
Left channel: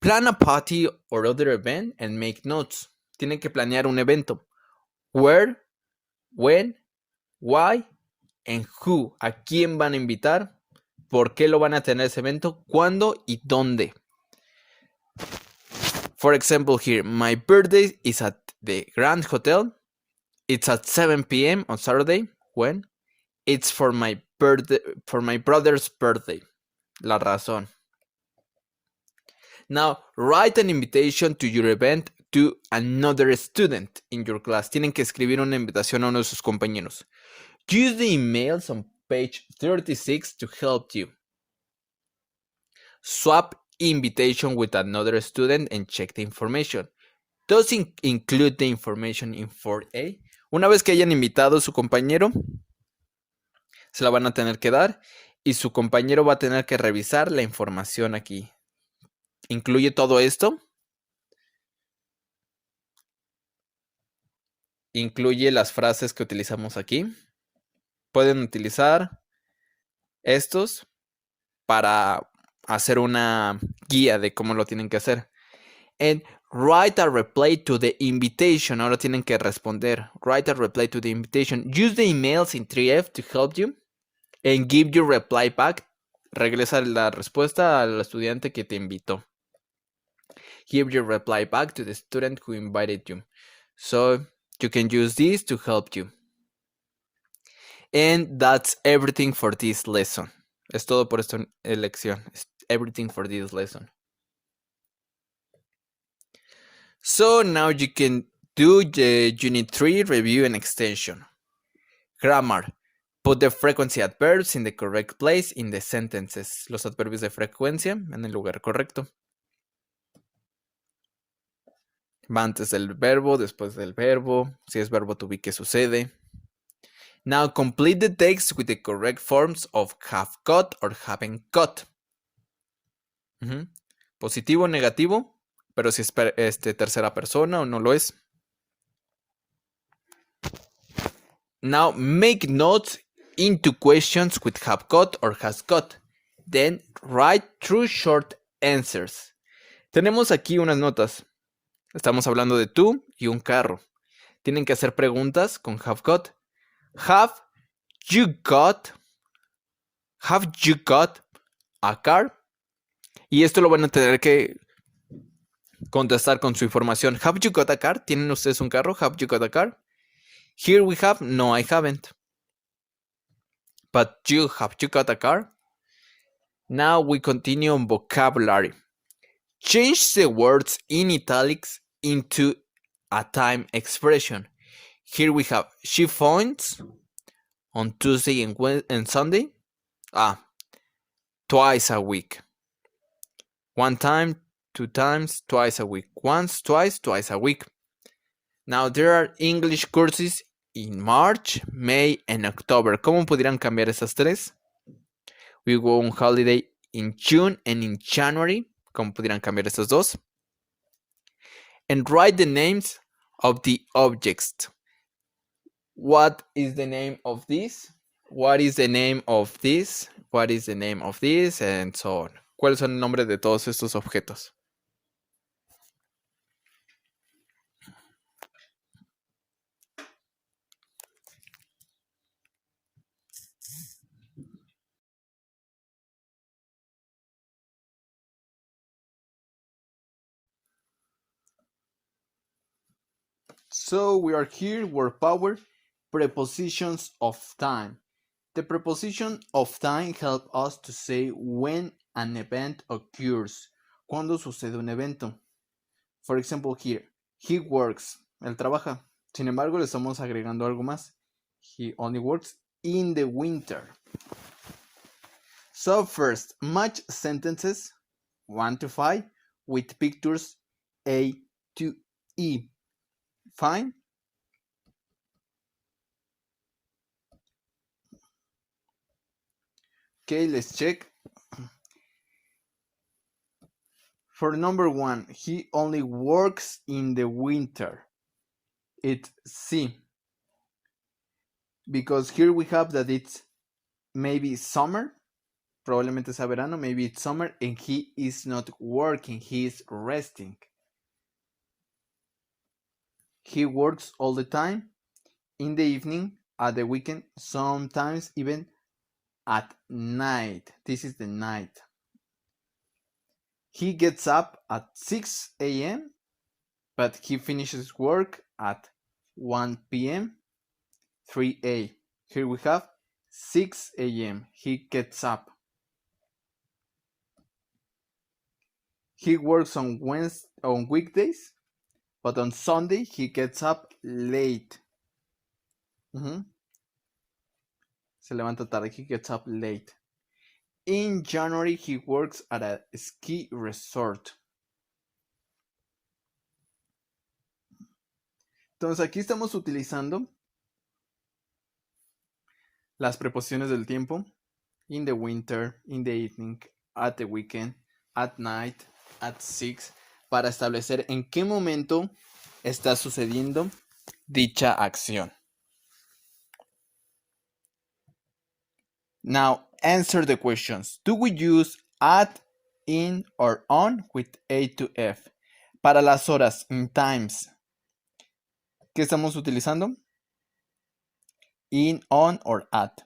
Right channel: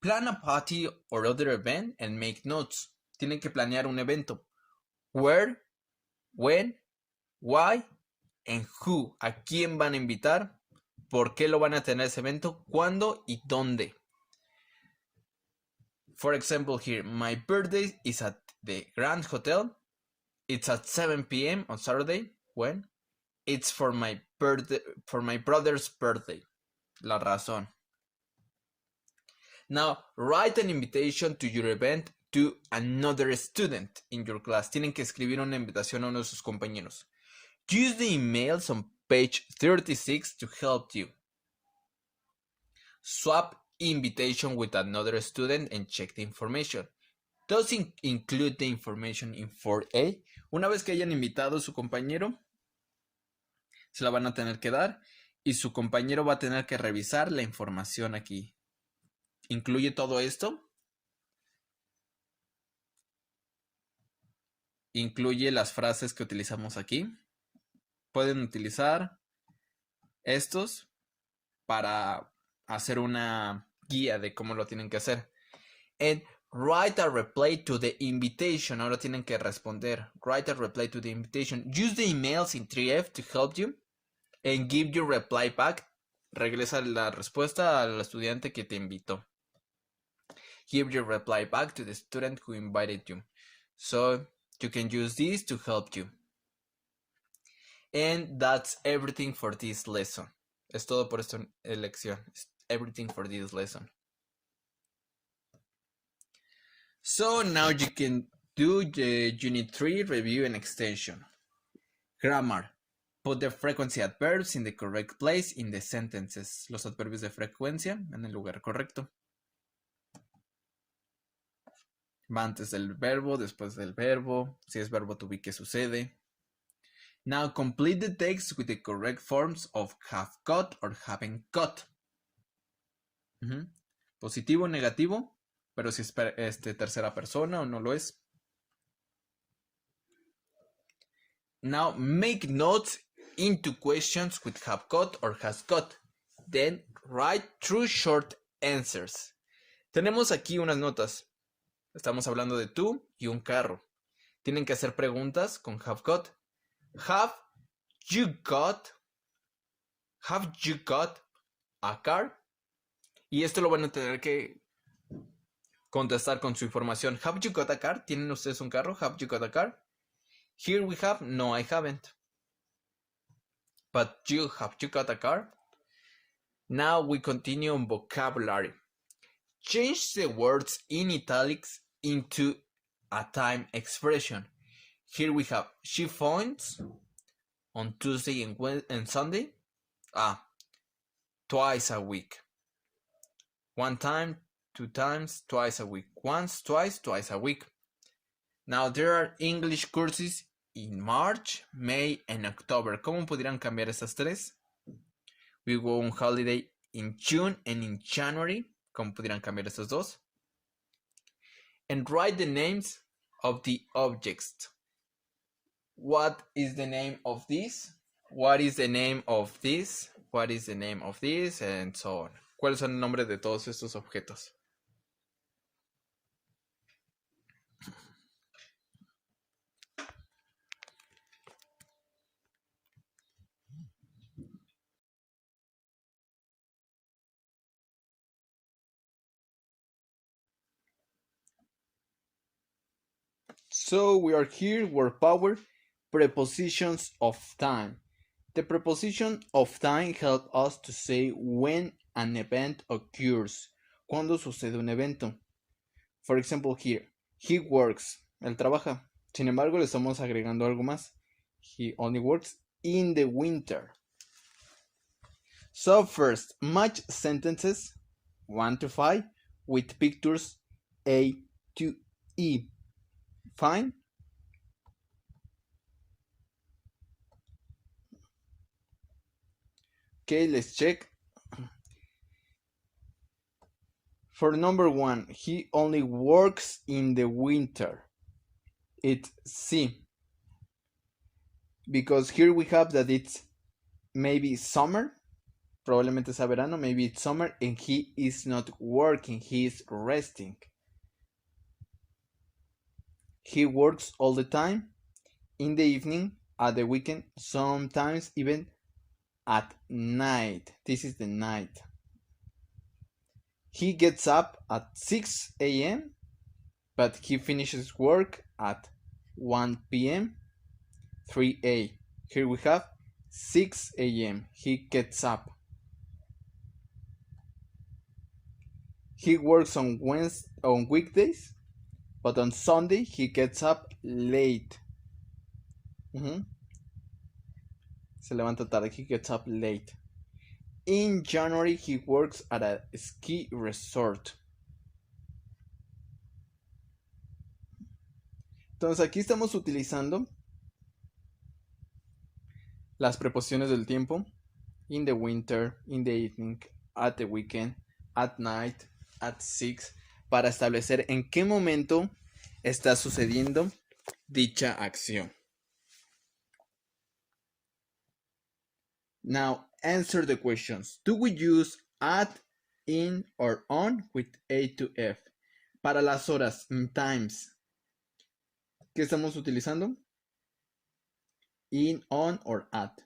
Plan a party or other event and make notes. Tienen que planear un evento. Where, when, why, and who. ¿A quién van a invitar? ¿Por qué lo van a tener ese evento? ¿Cuándo y dónde? For example here, my birthday is at the Grand Hotel. It's at 7 p.m. on Saturday. When? It's for my birthday, for my brother's birthday. La razón. Now, write an invitation to your event to another student in your class. Tienen que escribir una invitación a uno de sus compañeros. Use the emails on page 36 to help you. Swap invitation with another student and check the information. Does include the information in 4A. Una vez que hayan invitado a su compañero, se la van a tener que dar y su compañero va a tener que revisar la información aquí. ¿Incluye todo esto? Incluye las frases que utilizamos aquí. Pueden utilizar estos para hacer una guía de cómo lo tienen que hacer. And write a reply to the invitation. Ahora tienen que responder. Write a reply to the invitation. Use the emails in 3F to help you. And give your reply back. Regresa la respuesta al estudiante que te invitó. Give your reply back to the student who invited you. So you can use this to help you. And that's everything for this lesson. Es todo por esta lección. It's everything for this lesson. So now you can do the Unit 3 review and extension. Grammar. Put the frequency adverbs in the correct place in the sentences. Los adverbios de frecuencia en el lugar correcto. Va antes del verbo, después del verbo. Si es verbo to be, ¿qué sucede? Now complete the text with the correct forms of have got or haven't got. Positivo o negativo, pero si es tercera persona o no lo es. Now make notes into questions with have got or has got. Then write true short answers. Tenemos aquí unas notas. Estamos hablando de tú y un carro. Tienen que hacer preguntas con have got. Have you got Have you got a car? Y esto lo van a tener que contestar con su información. Have you got a car? ¿Tienen ustedes un carro? Have you got a car? Here we have, no, I haven't. But have you got a car? Now we continue on vocabulary. Change the words in italics into a time expression. Here we have, she phones on Tuesday and Sunday. Twice a week. One time, two times, twice a week. Once, twice a week. Now there are English courses in March, May, and October. ¿Cómo pudieran cambiar esas tres? We go on holiday in June and in January. ¿Cómo pudieran cambiar esas dos? And write the names of the objects. What is the name of this? What is the name of this? What is the name of this? And so on. ¿Cuáles son el nombre de todos estos objetos? So we are here, word power, prepositions of time. The preposition of time helps us to say when an event occurs. Cuando sucede un evento. For example, here, he works. Él trabaja. Sin embargo, le estamos agregando algo más. He only works in the winter. So first, match sentences 1 to 5 with pictures A to E. Fine? Okay, let's check. For number 1, he only works in the winter. It's C. Because here we have that it's maybe summer. Probablemente sea verano, maybe it's summer, and he is not working, he is resting. He works all the time, in the evening, at the weekend, sometimes even at night. This is the night. He gets up at 6 a.m., but he finishes work at 1 p.m., 3 a. Here we have 6 a.m. He gets up. He works on weekdays, but on Sunday he gets up late. Se levanta tarde, he gets up late. In January he works at a ski resort. Entonces aquí estamos utilizando las preposiciones del tiempo. In the winter, in the evening, at the weekend, at night, at 6, para establecer en qué momento está sucediendo dicha acción. Now, answer the questions. Do we use at, in, or on with A to F? Para las horas, in times, ¿qué estamos utilizando? In, on, or at.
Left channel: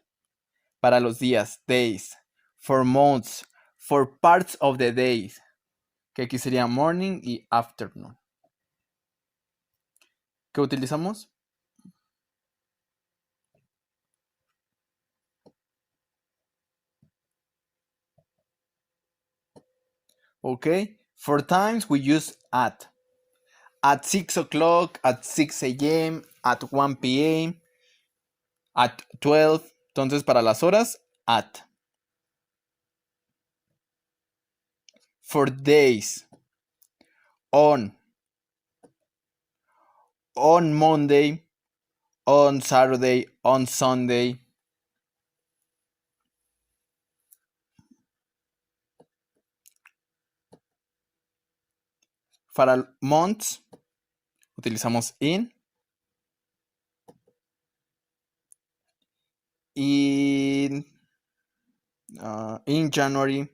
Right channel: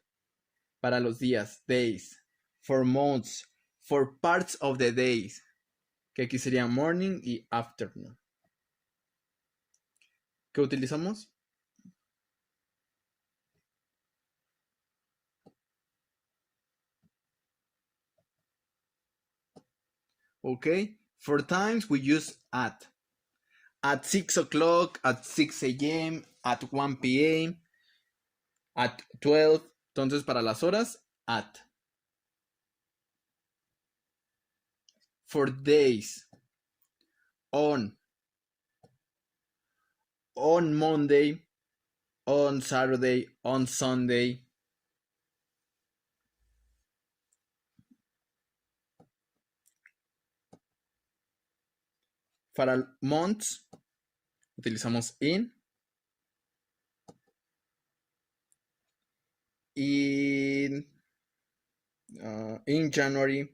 Para los días, days. For months, for parts of the days, que aquí sería morning y afternoon. ¿Qué utilizamos? Okay, for times we use at. At 6 o'clock, at 6 a.m., at 1 p.m., at 12. Entonces, para las horas, at. For days, on Monday, on Saturday, on Sunday. Para months, utilizamos in. In January,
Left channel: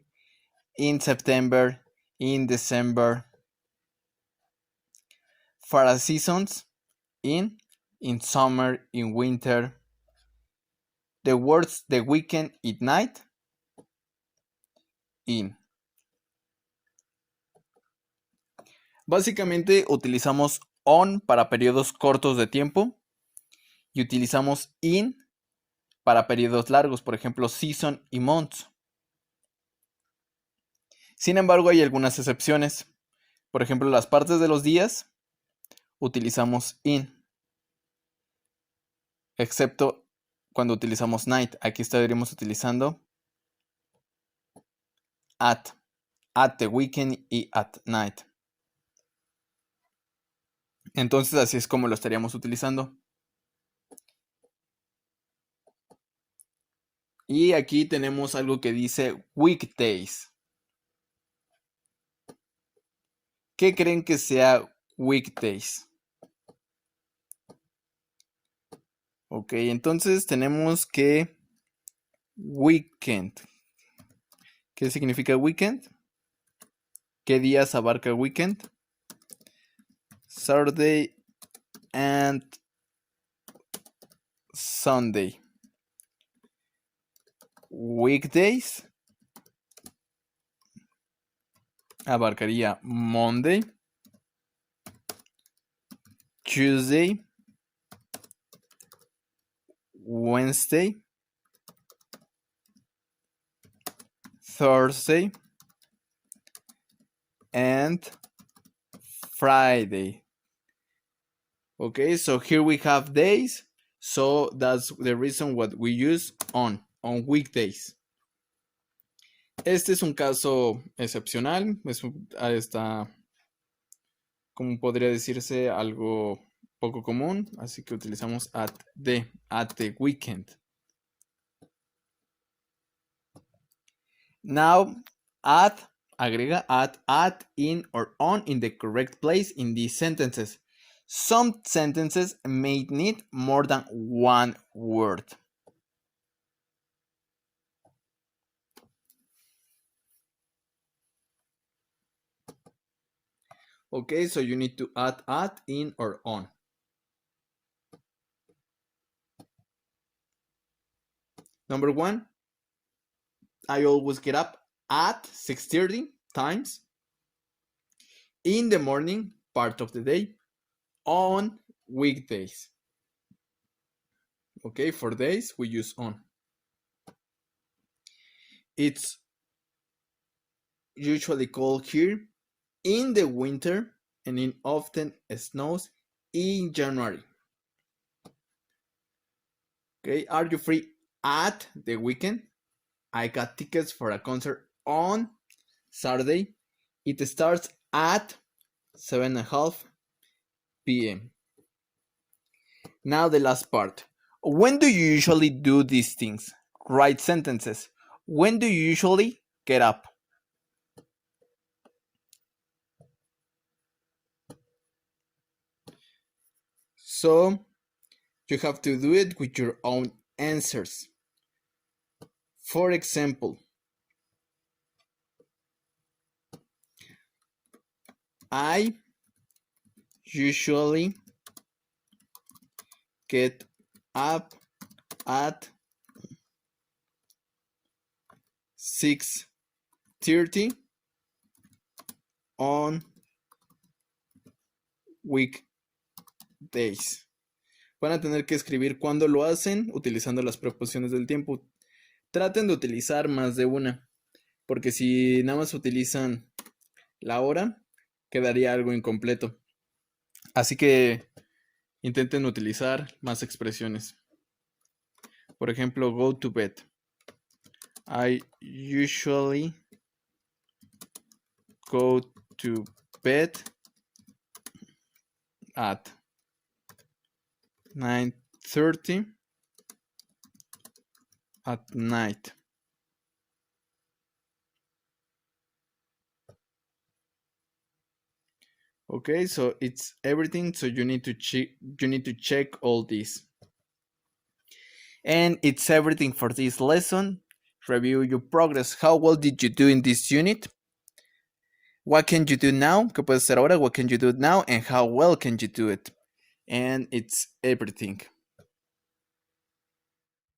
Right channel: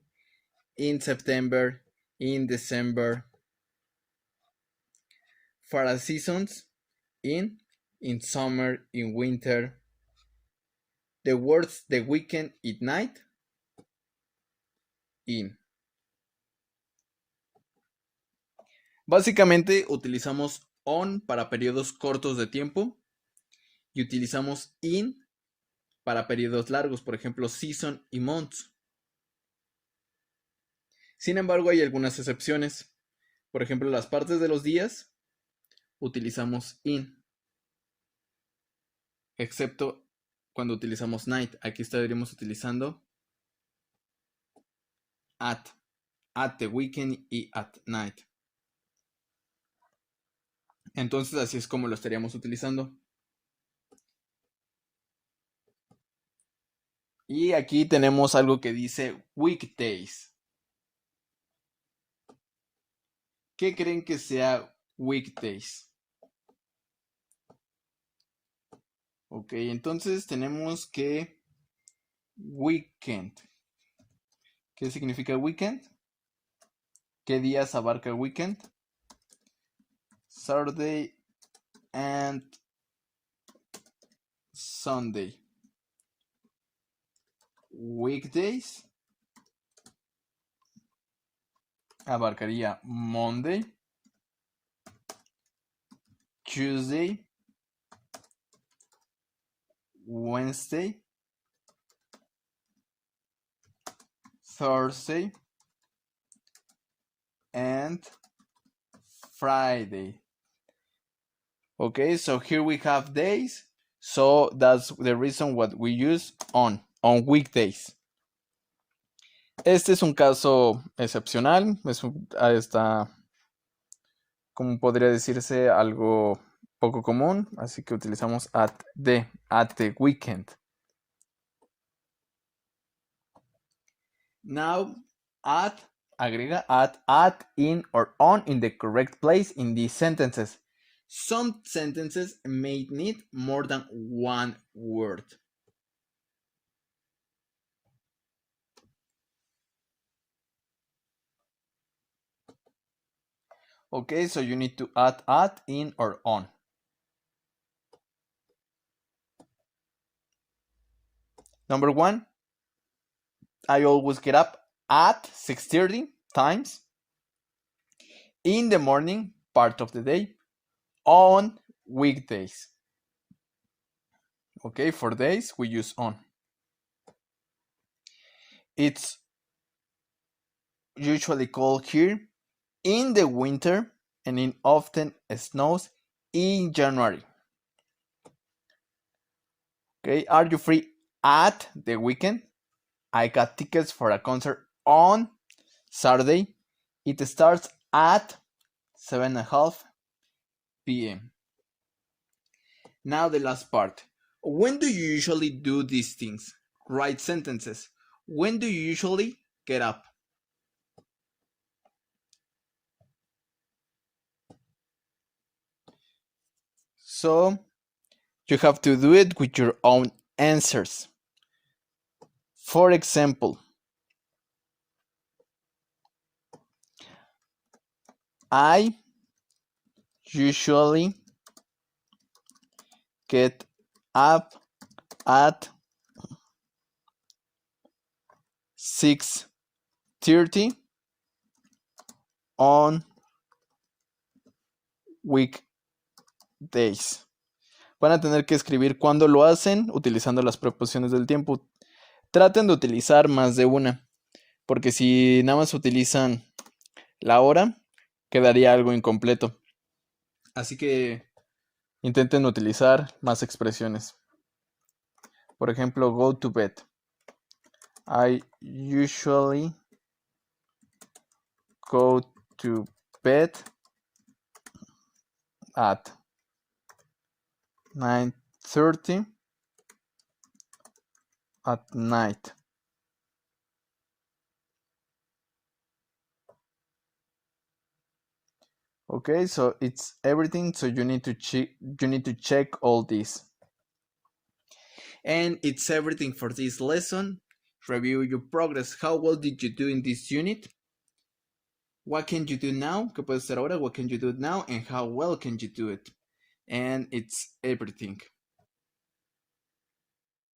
in September, in December. For seasons, in summer, in winter. The words the weekend, at night, in. Básicamente utilizamos on para periodos cortos de tiempo y utilizamos in para periodos largos, por ejemplo, season y months. Sin embargo, hay algunas excepciones. Por ejemplo, las partes de los días utilizamos in, excepto cuando utilizamos night. Aquí estaríamos utilizando at the weekend y at night. Entonces así es como lo estaríamos utilizando. Y aquí tenemos algo que dice weekdays. ¿Qué creen que sea weekdays? Ok, entonces tenemos que weekend. ¿Qué significa weekend? ¿Qué días abarca weekend? Saturday and Sunday. Weekdays abarcaría Monday, Tuesday, Wednesday, Thursday, and Friday. Okay, so here we have days, so that's the reason what we use on weekdays. Este es un caso excepcional, está, como podría decirse, algo poco común, así que utilizamos at the weekend. Now, agrega at, in, or on in the correct place in these sentences. Some sentences may need more than one word. Okay, so you need to add at, in, or on. Number 1, I always get up at 6:30 times, in the morning, part of the day, on weekdays. Okay, for days we use on. It's usually cold here in the winter, and it often snows in January. Okay, are you free at the weekend? I got tickets for a concert on Saturday. It starts at 7:30 p.m. Now the last part. When do you usually do these things? Write sentences. When do you usually get up? So you have to do it with your own answers. For example, I usually get up at 6:30 on weekdays. Van a tener que escribir cuándo lo hacen utilizando las preposiciones del tiempo. Traten de utilizar más de una, porque si nada más utilizan la hora, quedaría algo incompleto. Así que intenten utilizar más expresiones. Por ejemplo, go to bed. I usually go to bed at 9:30 at night. Okay, so it's everything, so you need to check all this. And it's everything for this lesson. Review your progress. How well did you do in this unit? What can you do now? ¿Qué puedes hacer ahora? What can you do now? And how well can you do it? And it's everything.